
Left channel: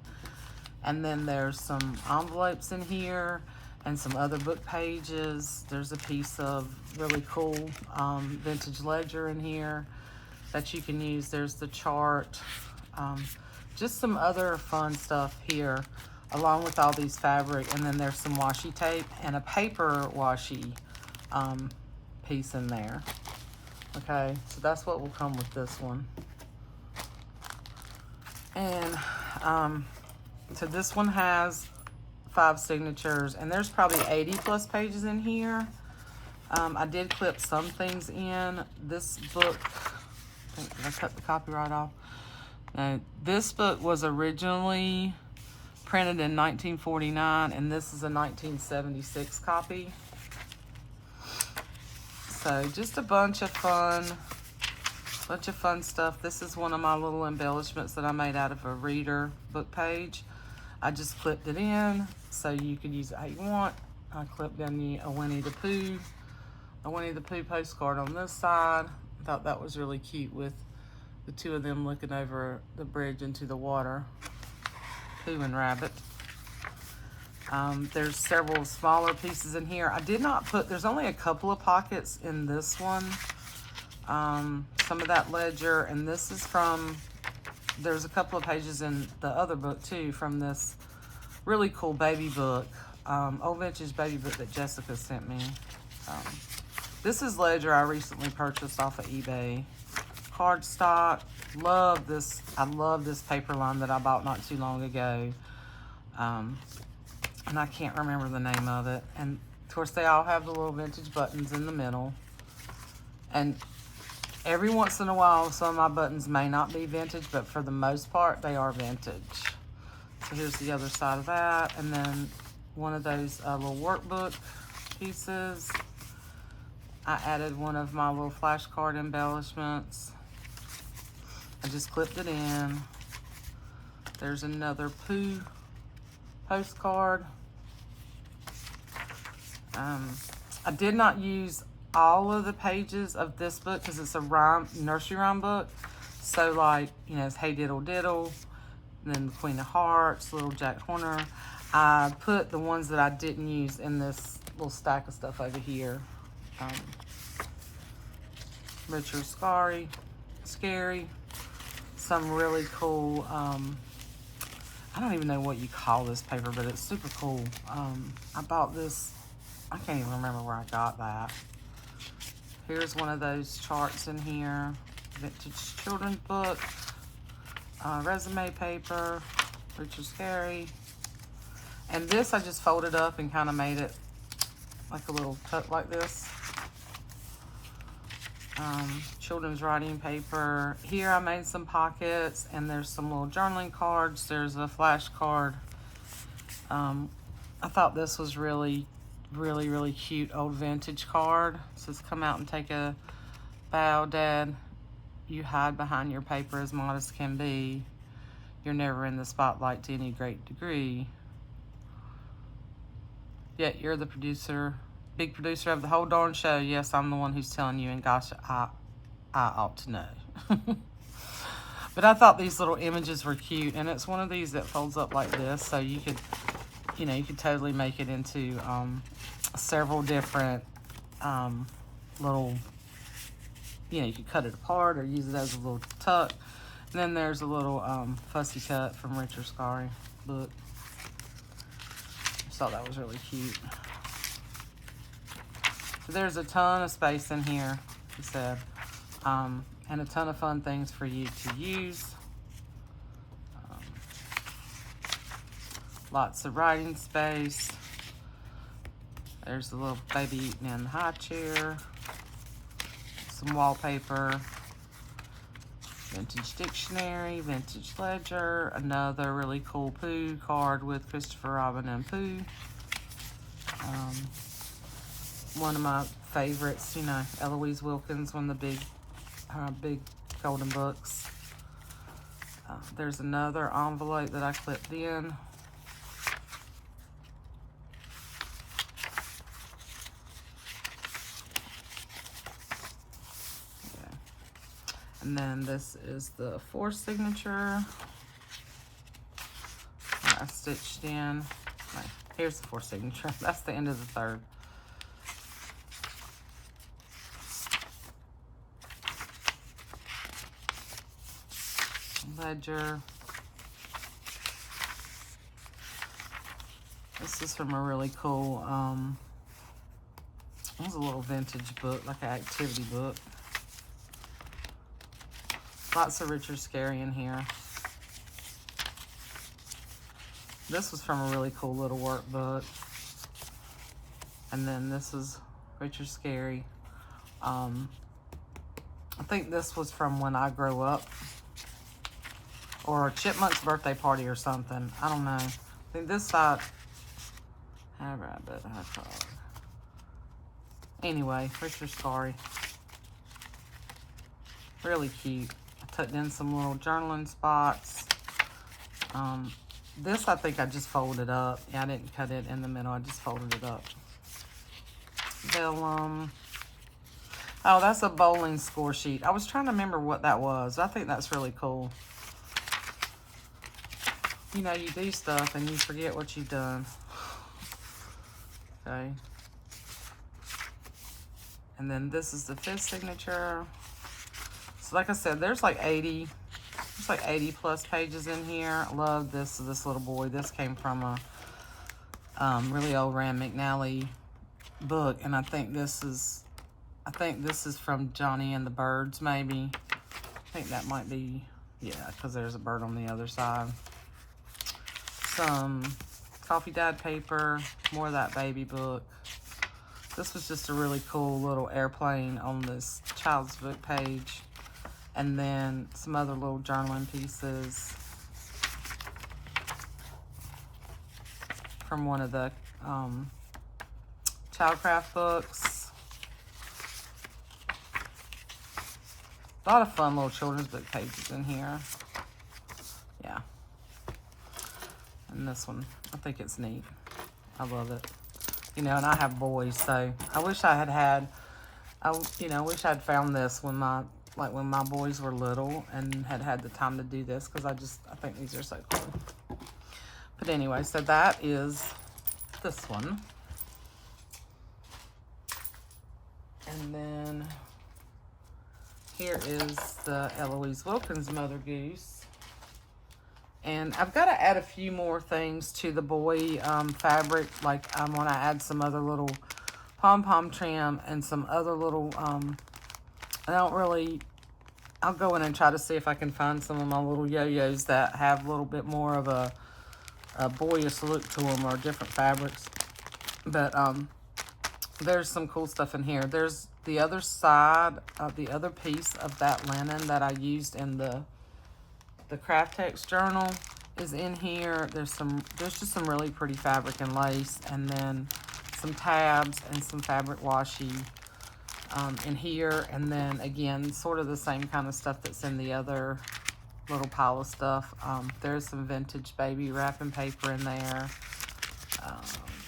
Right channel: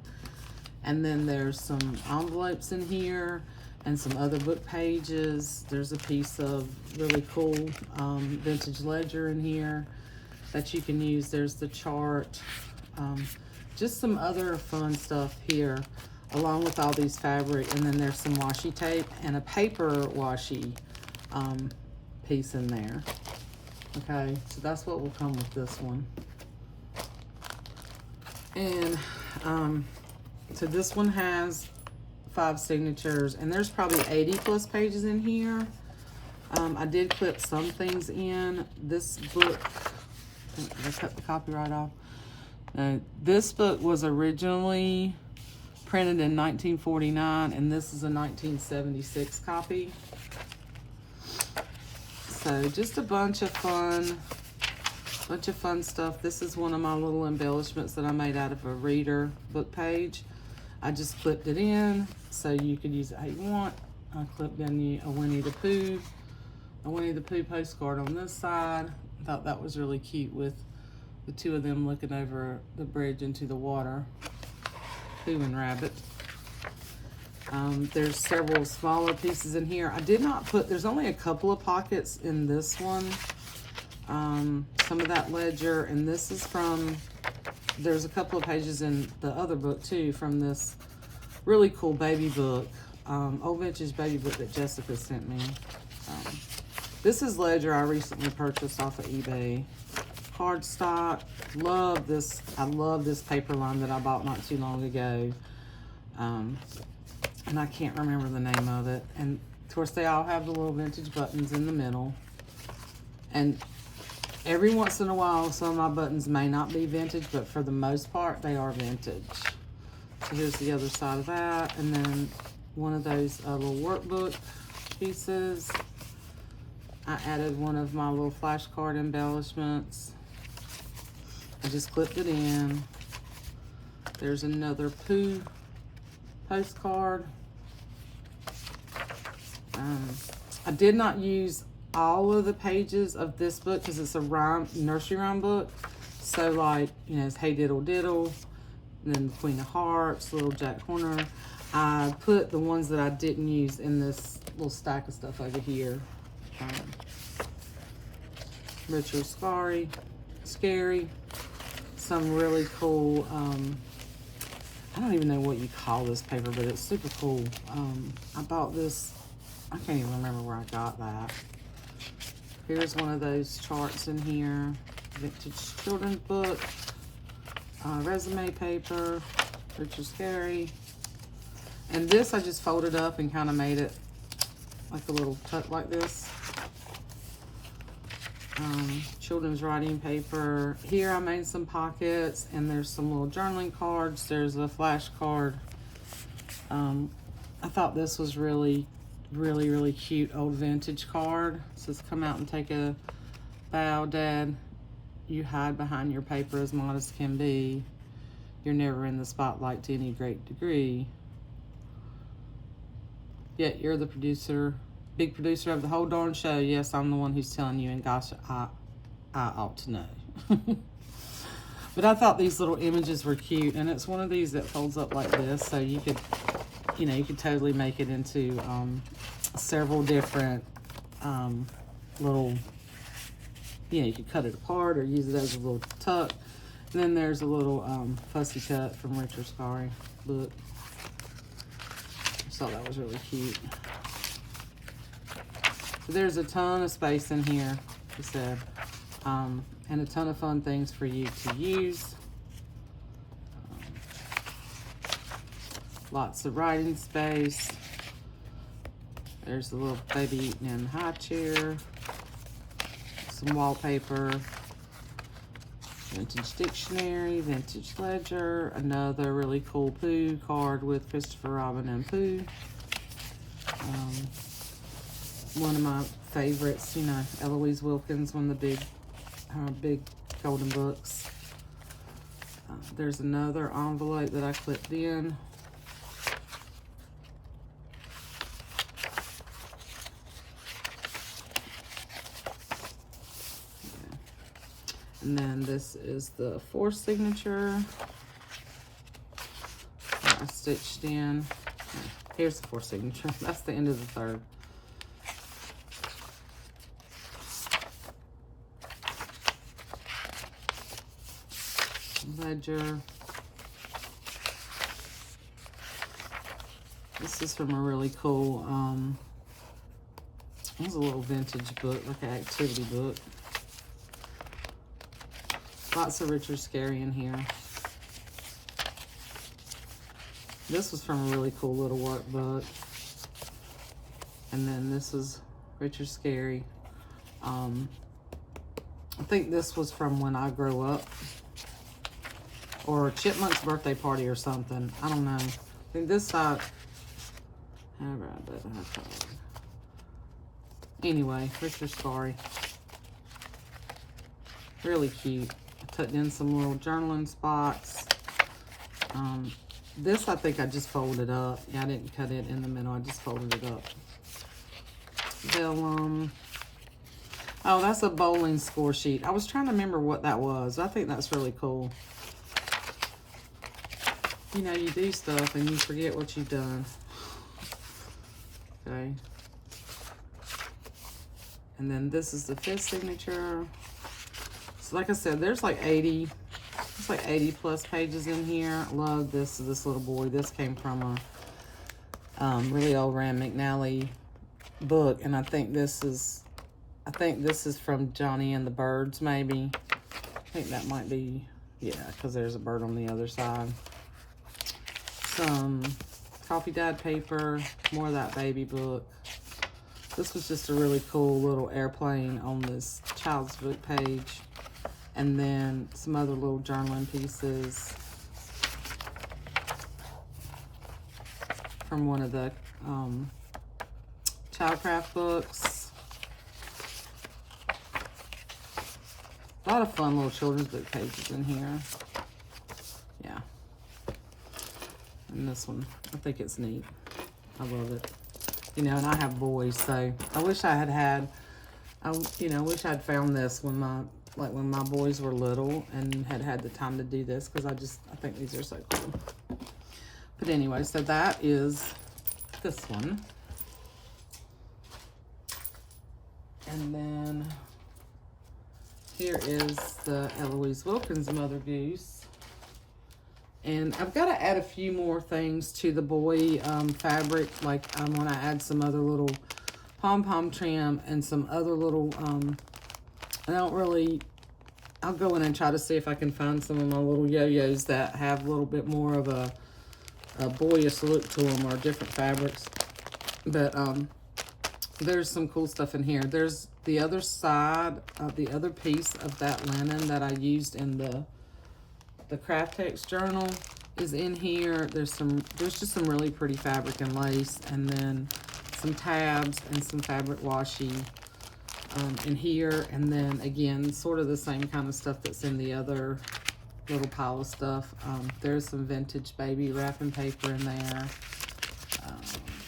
And then there's some envelopes in here, and some other book pages. There's a piece of really cool vintage ledger in here. that you can use. There's the chart. Just some other fun stuff here, along with all these fabric. And then there's some washi tape and a paper washi piece in there. Okay, so that's what will come with this one. And so this one has 5 signatures, and there's probably 80 plus pages in here. I did clip some things in. This book, I cut the copyright off. This book was originally printed in 1949, and this is a 1976 copy. So just a bunch of fun stuff. This is one of my little embellishments that I made out of a reader book page. I just clipped it in so you could use it how you want. I clipped in a Winnie the Pooh postcard on this side. I thought that was really cute with the two of them looking over the bridge into the water. Pooh and Rabbit. There's several smaller pieces in here. I did not put, there's only a couple of pockets in this one. Some of that ledger, and this is from, there's a couple of pages in the other book too from this really cool baby book, old vintage baby book that Jessica sent me. This is ledger I recently purchased off of eBay. Cardstock. Love this. I love this paper line that I bought not too long ago. And I can't remember the name of it. And of course they all have the little vintage buttons in the middle. And every once in a while some of my buttons may not be vintage, but for the most part they are vintage. So here's the other side of that. And then one of those little workbook pieces. I added one of my little flashcard embellishments. I just clipped it in. There's another Pooh postcard. I did not use all of the pages of this book because it's a nursery rhyme book. So like, you know, it's Hey Diddle Diddle, and then the Queen of Hearts, Little Jack Horner. I put the ones that I didn't use in this little stack of stuff over here. Richard Scary, some really cool, I don't even know what you call this paper, but it's super cool. I bought this, I can't even remember where I got that. Here's one of those charts in here, vintage children's book, resume paper, Richard Scary. And this I just folded up and kind of made it like a little tuck like this. Children's writing paper. Here I made some pockets, and there's some little journaling cards. There's a flashcard. I thought this was really cute old vintage card. It says, "Come out and take a bow, Dad. You hide behind your paper as modest can be. You're never in the spotlight to any great degree. Yet you're the big producer of the whole darn show. Yes, I'm the one who's telling you, and gosh, I ought to know." But I thought these little images were cute, and it's one of these that folds up like this, so you could, you know, you could totally make it into several different little, you know, you could cut it apart or use it as a little tuck. And then there's a little fussy cut from Richard Scary book. Just thought that was really cute. So there's a ton of space in here, he said, and a ton of fun things for you to use. Lots of writing space. There's a little baby eating in the high chair. Some wallpaper. Vintage dictionary, vintage ledger. Another really cool Pooh card with Christopher Robin and Pooh. One of my favorites, you know, Eloise Wilkins, one of the big golden books. There's another envelope that I clipped in. And then this is the 4th signature that I stitched in. No, here's the 4th signature. That's the end of the 3rd. ledger. This is from a really cool, it was a little vintage book, like an activity book. Lots of Richard Scarry in here. This was from a really cool little workbook. And then this is Richard Scarry. I think this was from When I Grow Up. Or Chipmunk's Birthday Party or something. I don't know. I think this side... Anyway, Richard Scarry. Really cute. I tucked in some little journaling spots. This I think I just folded up. Yeah, I didn't cut it in the middle. I just folded it up. Vellum. Oh, that's a bowling score sheet. I was trying to remember what that was. I think that's really cool. You know, you do stuff and you forget what you've done. Okay. And then this is the 5th signature. So like I said, there's like 80, it's like 80 plus pages in here. I love this little boy. This came from a really old Rand McNally book, and I think this is from Johnny and the Birds, maybe. I think that might be, yeah, because there's a bird on the other side. Some coffee dyed paper, more of that baby book. This was just a really cool little airplane on this child's book page. And then some other little journaling pieces from one of the Childcraft books. A lot of fun little children's book pages in here. Yeah. And this one, I think it's neat. I love it. You know, and I have boys, so I wish I had, I wish I'd found this when my boys were little and had the time to do this, because I think these are so cool. But anyway, so that is this one. And then here is the Eloise Wilkins Mother Goose. And I've got to add a few more things to the boy fabric. Like I want to add some other little pom-pom trim and some other little, I'll go in and try to see if I can find some of my little yo-yos that have a little bit more of a boyish look to them, or different fabrics. But there's some cool stuff in here. There's the other side of the other piece of that linen that I used in the Craftex journal is in here. There's just some really pretty fabric and lace, and then some tabs and some fabric washi in here. And then again, sort of the same kind of stuff that's in the other little pile of stuff. There's some vintage baby wrapping paper in there.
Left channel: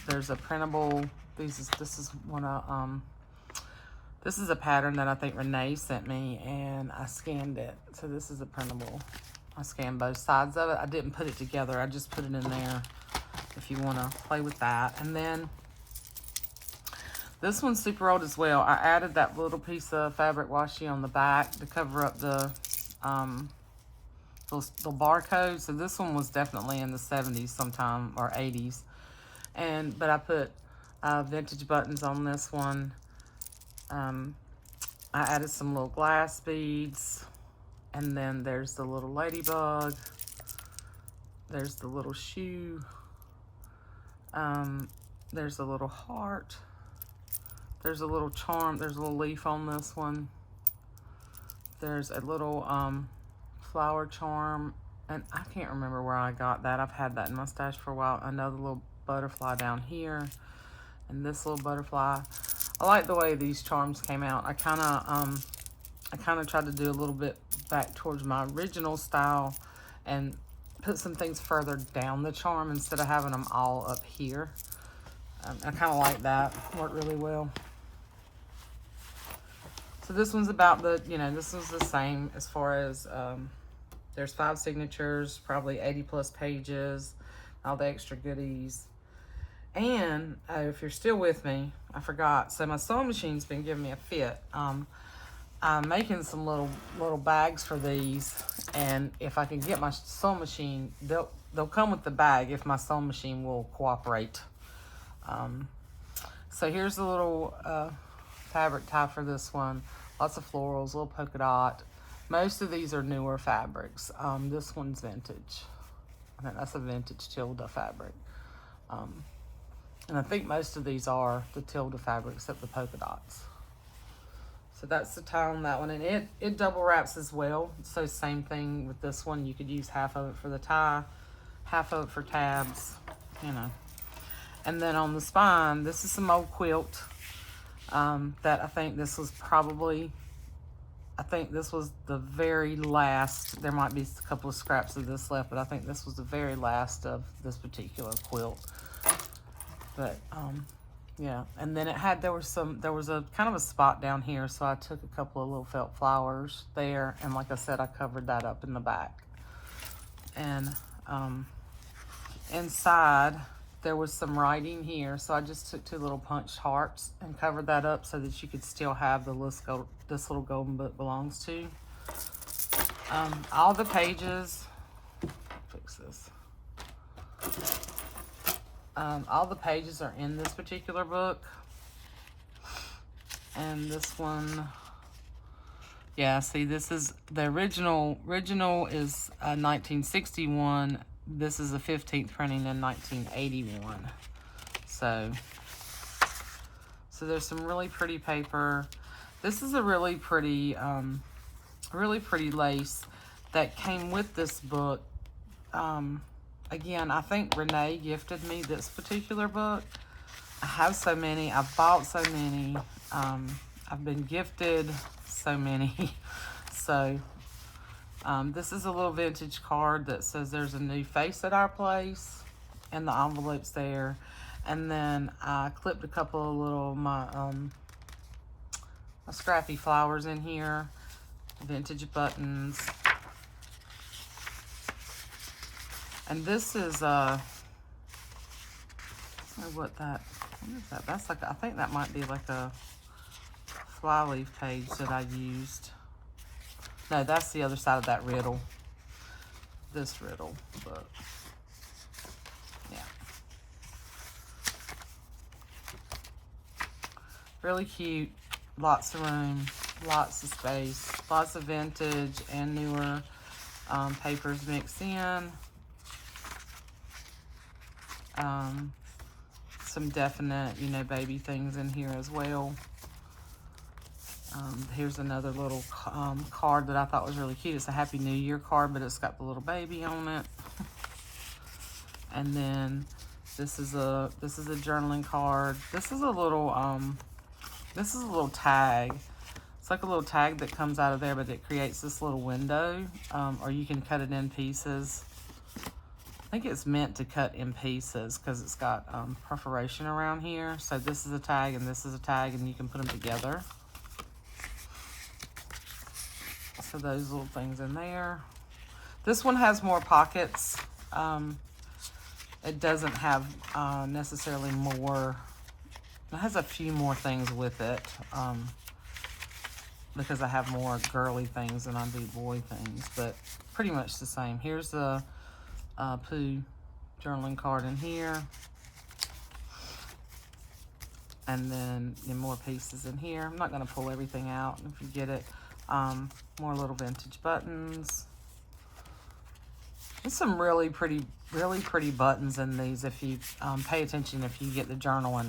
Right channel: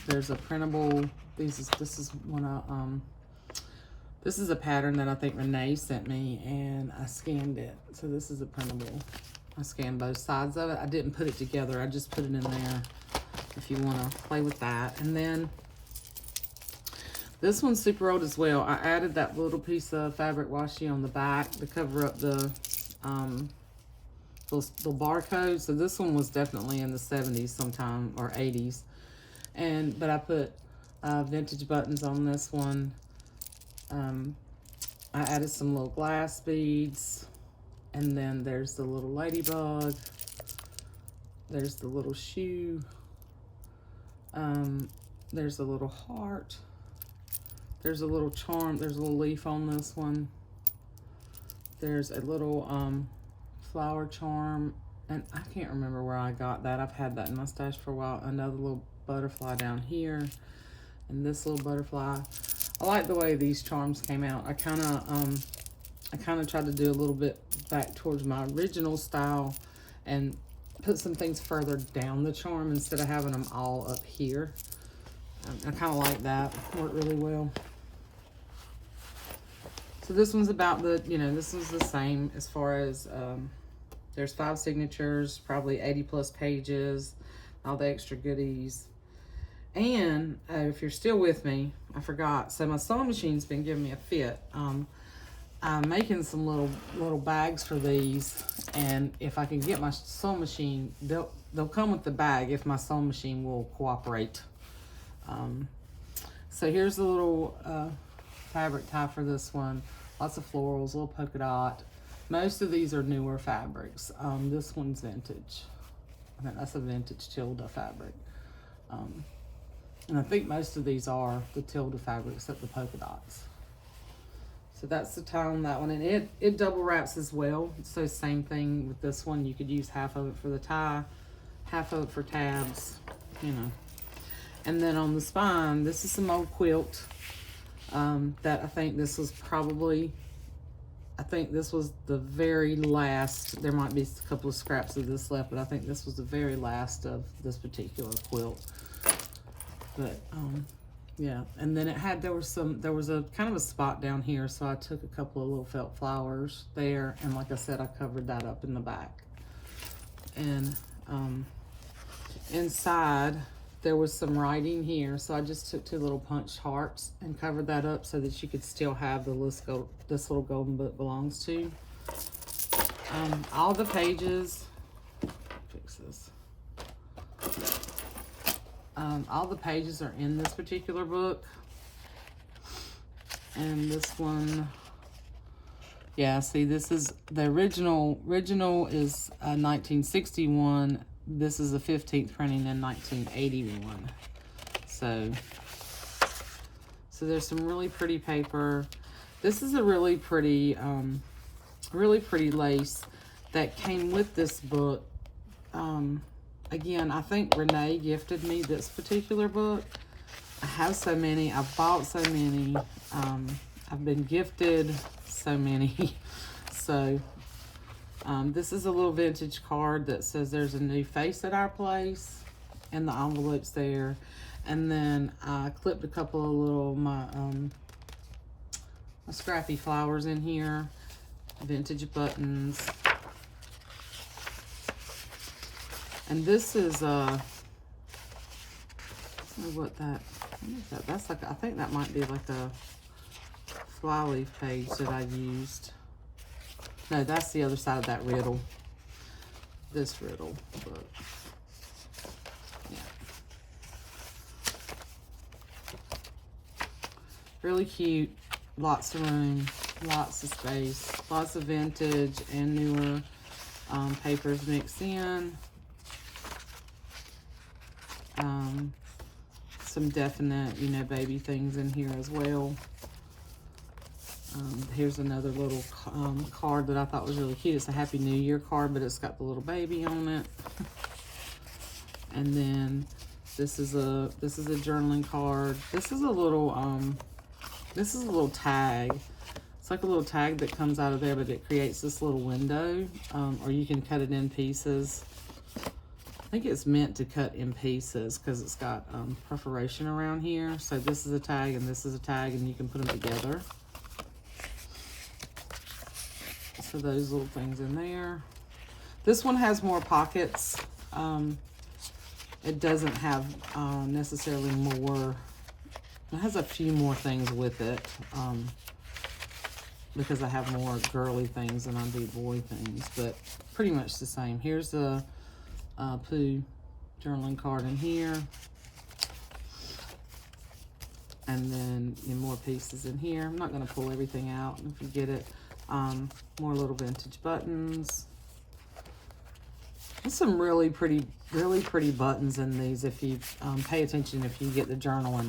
There's a printable. This is one of this is a pattern that I think Renee sent me, and I scanned it. So this is a printable. I scanned both sides of it. I didn't put it together. I just put it in there if you want to play with that. And then this one's super old as well. I added that little piece of fabric washi on the back to cover up the barcode. So this one was definitely in the 70s sometime, or 80s. But I put vintage buttons on this one. I added some little glass beads. And then there's the little ladybug. There's the little shoe. There's a little heart. There's a little charm. There's a little leaf on this one. There's a little flower charm. And I can't remember where I got that. I've had that in my stash for a while. Another little butterfly down here. And this little butterfly. I like the way these charms came out. I kind of tried to do a little bit back towards my original style and put some things further down the charm instead of having them all up here. I kind of like that. Worked really well. So this one's about this one's the same as far as, there's 5 signatures, probably 80 plus pages, all the extra goodies. And if you're still with me, I forgot. So my sewing machine's been giving me a fit. I'm making some little bags for these, And if I can get my sewing machine, they'll come with the bag if my sewing machine will cooperate. So here's the little fabric tie for this one. Lots of florals, little polka dot. Most of these are newer fabrics. This one's vintage. I think that's a vintage Tilda fabric. And I think most of these are the Tilda fabric except the polka dots. So that's the tie on that one. And it double wraps as well. So same thing with this one. You could use half of it for the tie, half of it for tabs, you know. And then on the spine, this is some old quilt that I think this was probably, I think this was the very last. There might be a couple of scraps of this left, but I think this was the very last of this particular quilt. But yeah, and then there was a kind of a spot down here, so I took a couple of little felt flowers there, and like I said, I covered that up in the back. And inside there was some writing here, so I just took 2 little punched hearts and covered that up so that you could still have the list this little golden book belongs to. All the pages, fix this. All the pages are in this particular book. And this one, yeah, see, this is the original is 1961. This is the 15th printing in 1981. So there's some really pretty paper. This is a really pretty lace that came with this book. Again, I think Renee gifted me this particular book. I have so many. I've bought so many. I've been gifted so many. So this is a little vintage card that says there's a new face at our place, and the envelope's there. And then I clipped a couple of little my scrappy flowers in here, vintage buttons. And this is what is that? That's like, I think that might be like a flyleaf page that I used. No, that's the other side of that riddle. This riddle, but yeah. Really cute, lots of room, lots of space, lots of vintage and newer papers mixed in. Some definite, baby things in here as well. Here's another little card that I thought was really cute. It's a Happy New Year card, but it's got the little baby on it. And then this is a journaling card. This is a little tag. It's like a little tag that comes out of there, but it creates this little window, or you can cut it in pieces. I think it's meant to cut in pieces because it's got perforation around here. So this is a tag and this is a tag, and you can put them together. So those little things in there. This one has more pockets. It doesn't have necessarily more. It has a few more things with it because I have more girly things than I do boy things, but pretty much the same. Here's the Pooh journaling card in here. And then more pieces in here. I'm not going to pull everything out if you get it. More little vintage buttons. There's some really pretty buttons in these if you pay attention, if you get the journal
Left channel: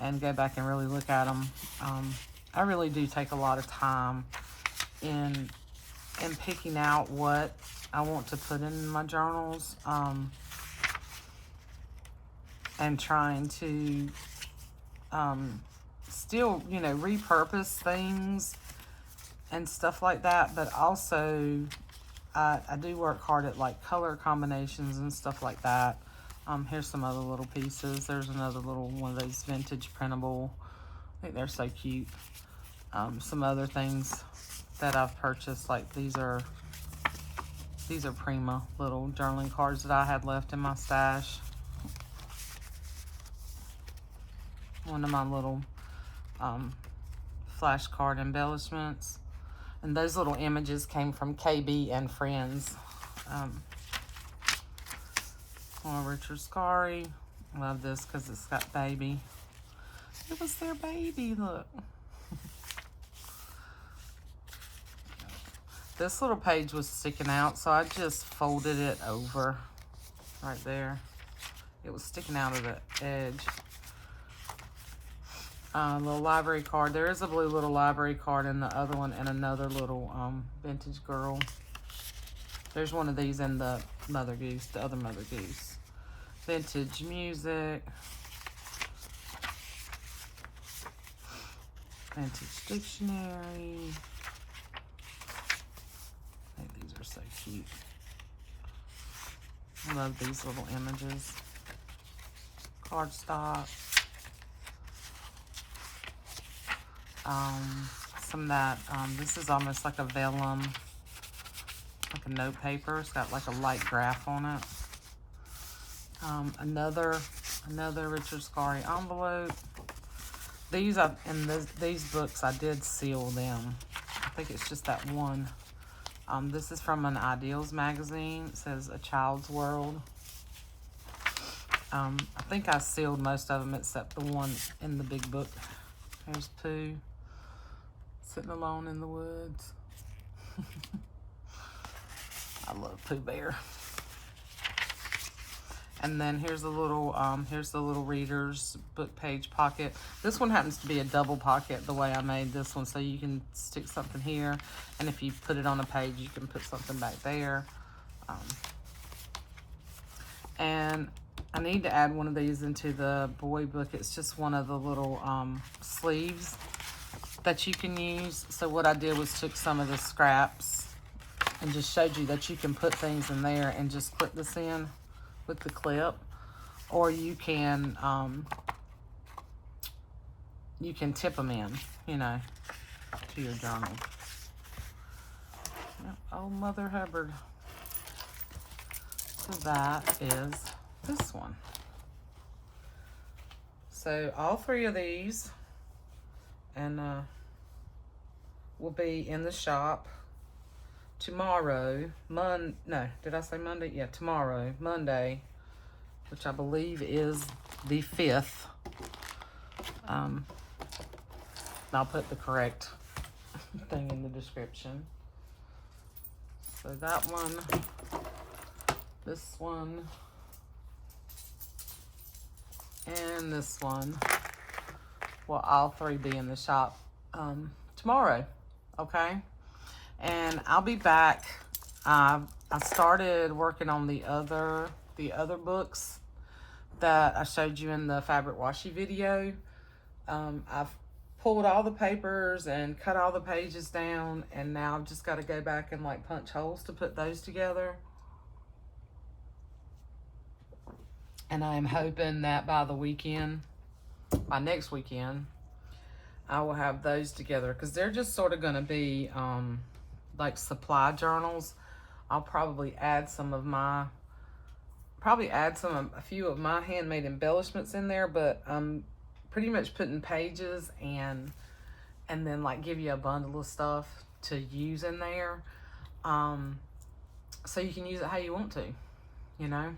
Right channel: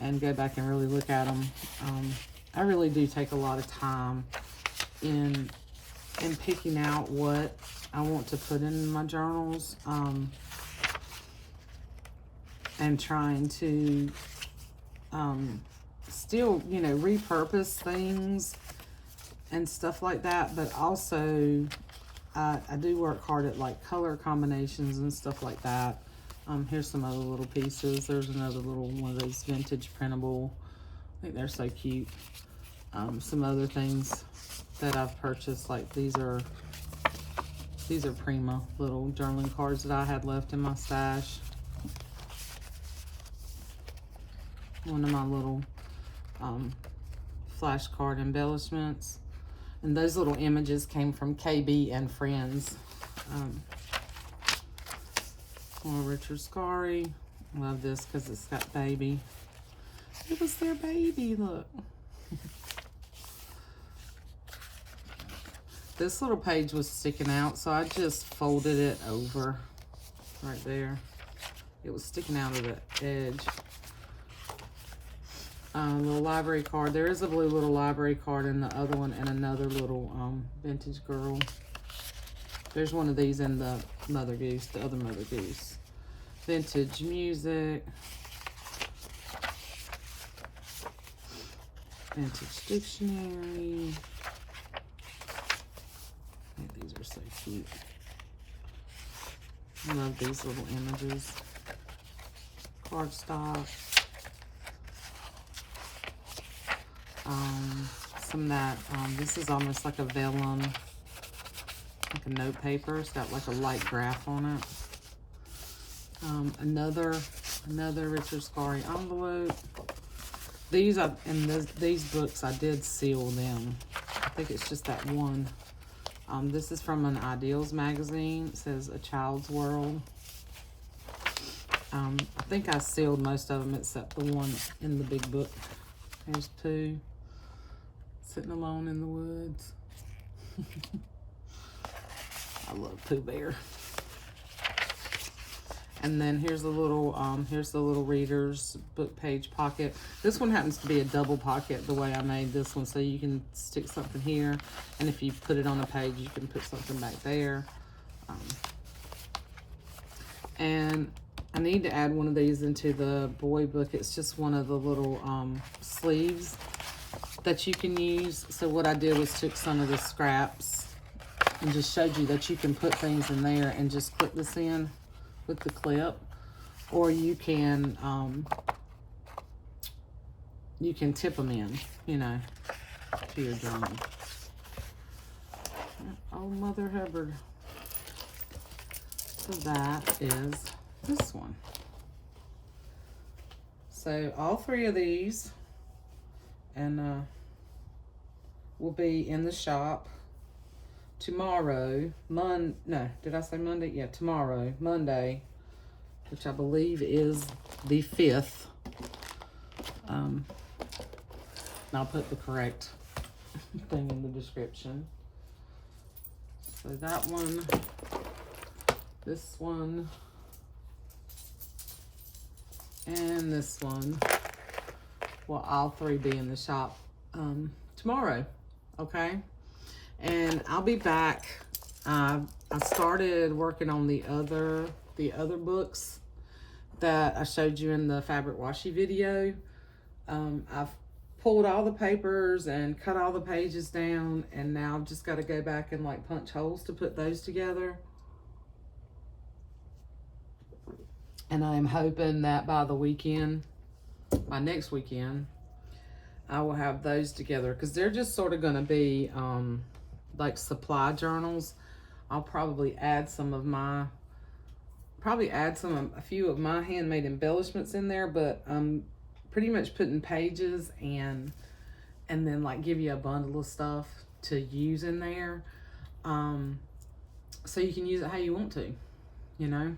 and go back and really look at them. I really do take a lot of time in picking out what I want to put in my journals, and trying to still, repurpose things and stuff like that, but also I do work hard at like color combinations and stuff like that. Here's some other little pieces. There's another little one of those vintage printable. I think they're so cute. Some other things that I've purchased, like these are Prima little journaling cards that I had left in my stash. One of my little flashcard embellishments. And those little images came from KB and Friends. Richard Scarry. Love this because it's got baby. It was their baby, look. This little page was sticking out, so I just folded it over right there. It was sticking out of the edge. Little library card. There is a blue little library card in the other one, and another little vintage girl. There's one of these in the Mother Goose, the other Mother Goose. Vintage music. Vintage dictionary. I think these are so cute. I love these little images. Cardstock. Some of that, this is almost like a vellum, like a note paper. It's got like a light graph on it. Another Richard Scarry envelope. These these books I did seal them. I think it's just that one. This is from an Ideals magazine. It says A Child's World. I think I sealed most of them except the one in the big book. There's Pooh, sitting alone in the woods. I love Pooh Bear. And then here's the little reader's book page pocket. This one happens to be a double pocket the way I made this one, so you can stick something here, and if you put it on a page, you can put something back there. And I need to add one of these into the boy book. It's just one of the little sleeves that you can use. So what I did was took some of the scraps and just showed you that you can put things in there and just clip this in with the clip, or you can tip them in, you know, to your journal. Oh, Mother Hubbard. So that is this one. So all three of these and will be in the shop tomorrow. No, did I say Monday? Yeah, tomorrow, Monday, which I believe is the 5th. I'll put the correct thing in the description. So that one, this one, and this one will all three be in the shop tomorrow, okay? And I'll be back. I started working on the other books that I showed you in the fabric washi video. I've pulled all the papers and cut all the pages down, and now I've just got to go back and like punch holes to put those together. And I'm hoping that by next weekend, I will have those together, because they're just sort of going to be like supply journals. I'll probably add a few of my handmade embellishments in there, but I'm pretty much putting pages and then like give you a bundle of stuff to use in there, so you can use it how you want to, you know.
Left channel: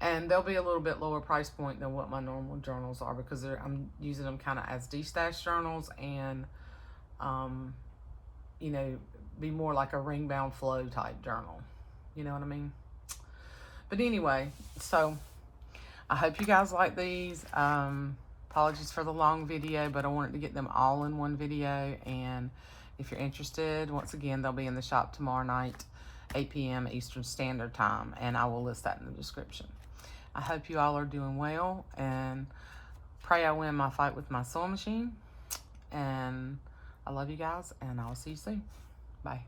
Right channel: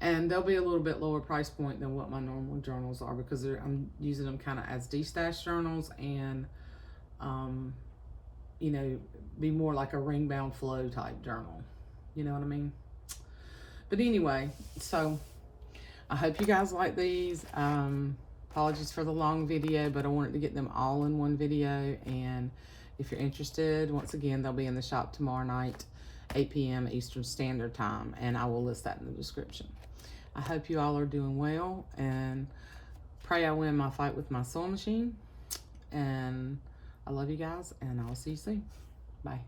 And they'll be a little bit lower price point than what my normal journals are, because I'm using them kind of as de-stash journals, and you know, be more like a ring bound flow type journal, you know what I mean? But anyway, so I hope you guys like these. Apologies for the long video, but I wanted to get them all in one video. And if you're interested, once again, they'll be in the shop tomorrow night, 8 p.m. Eastern Standard Time, and I will list that in the description. I hope you all are doing well, and pray I win my fight with my sewing machine. And I love you guys, and I'll see you soon. Bye.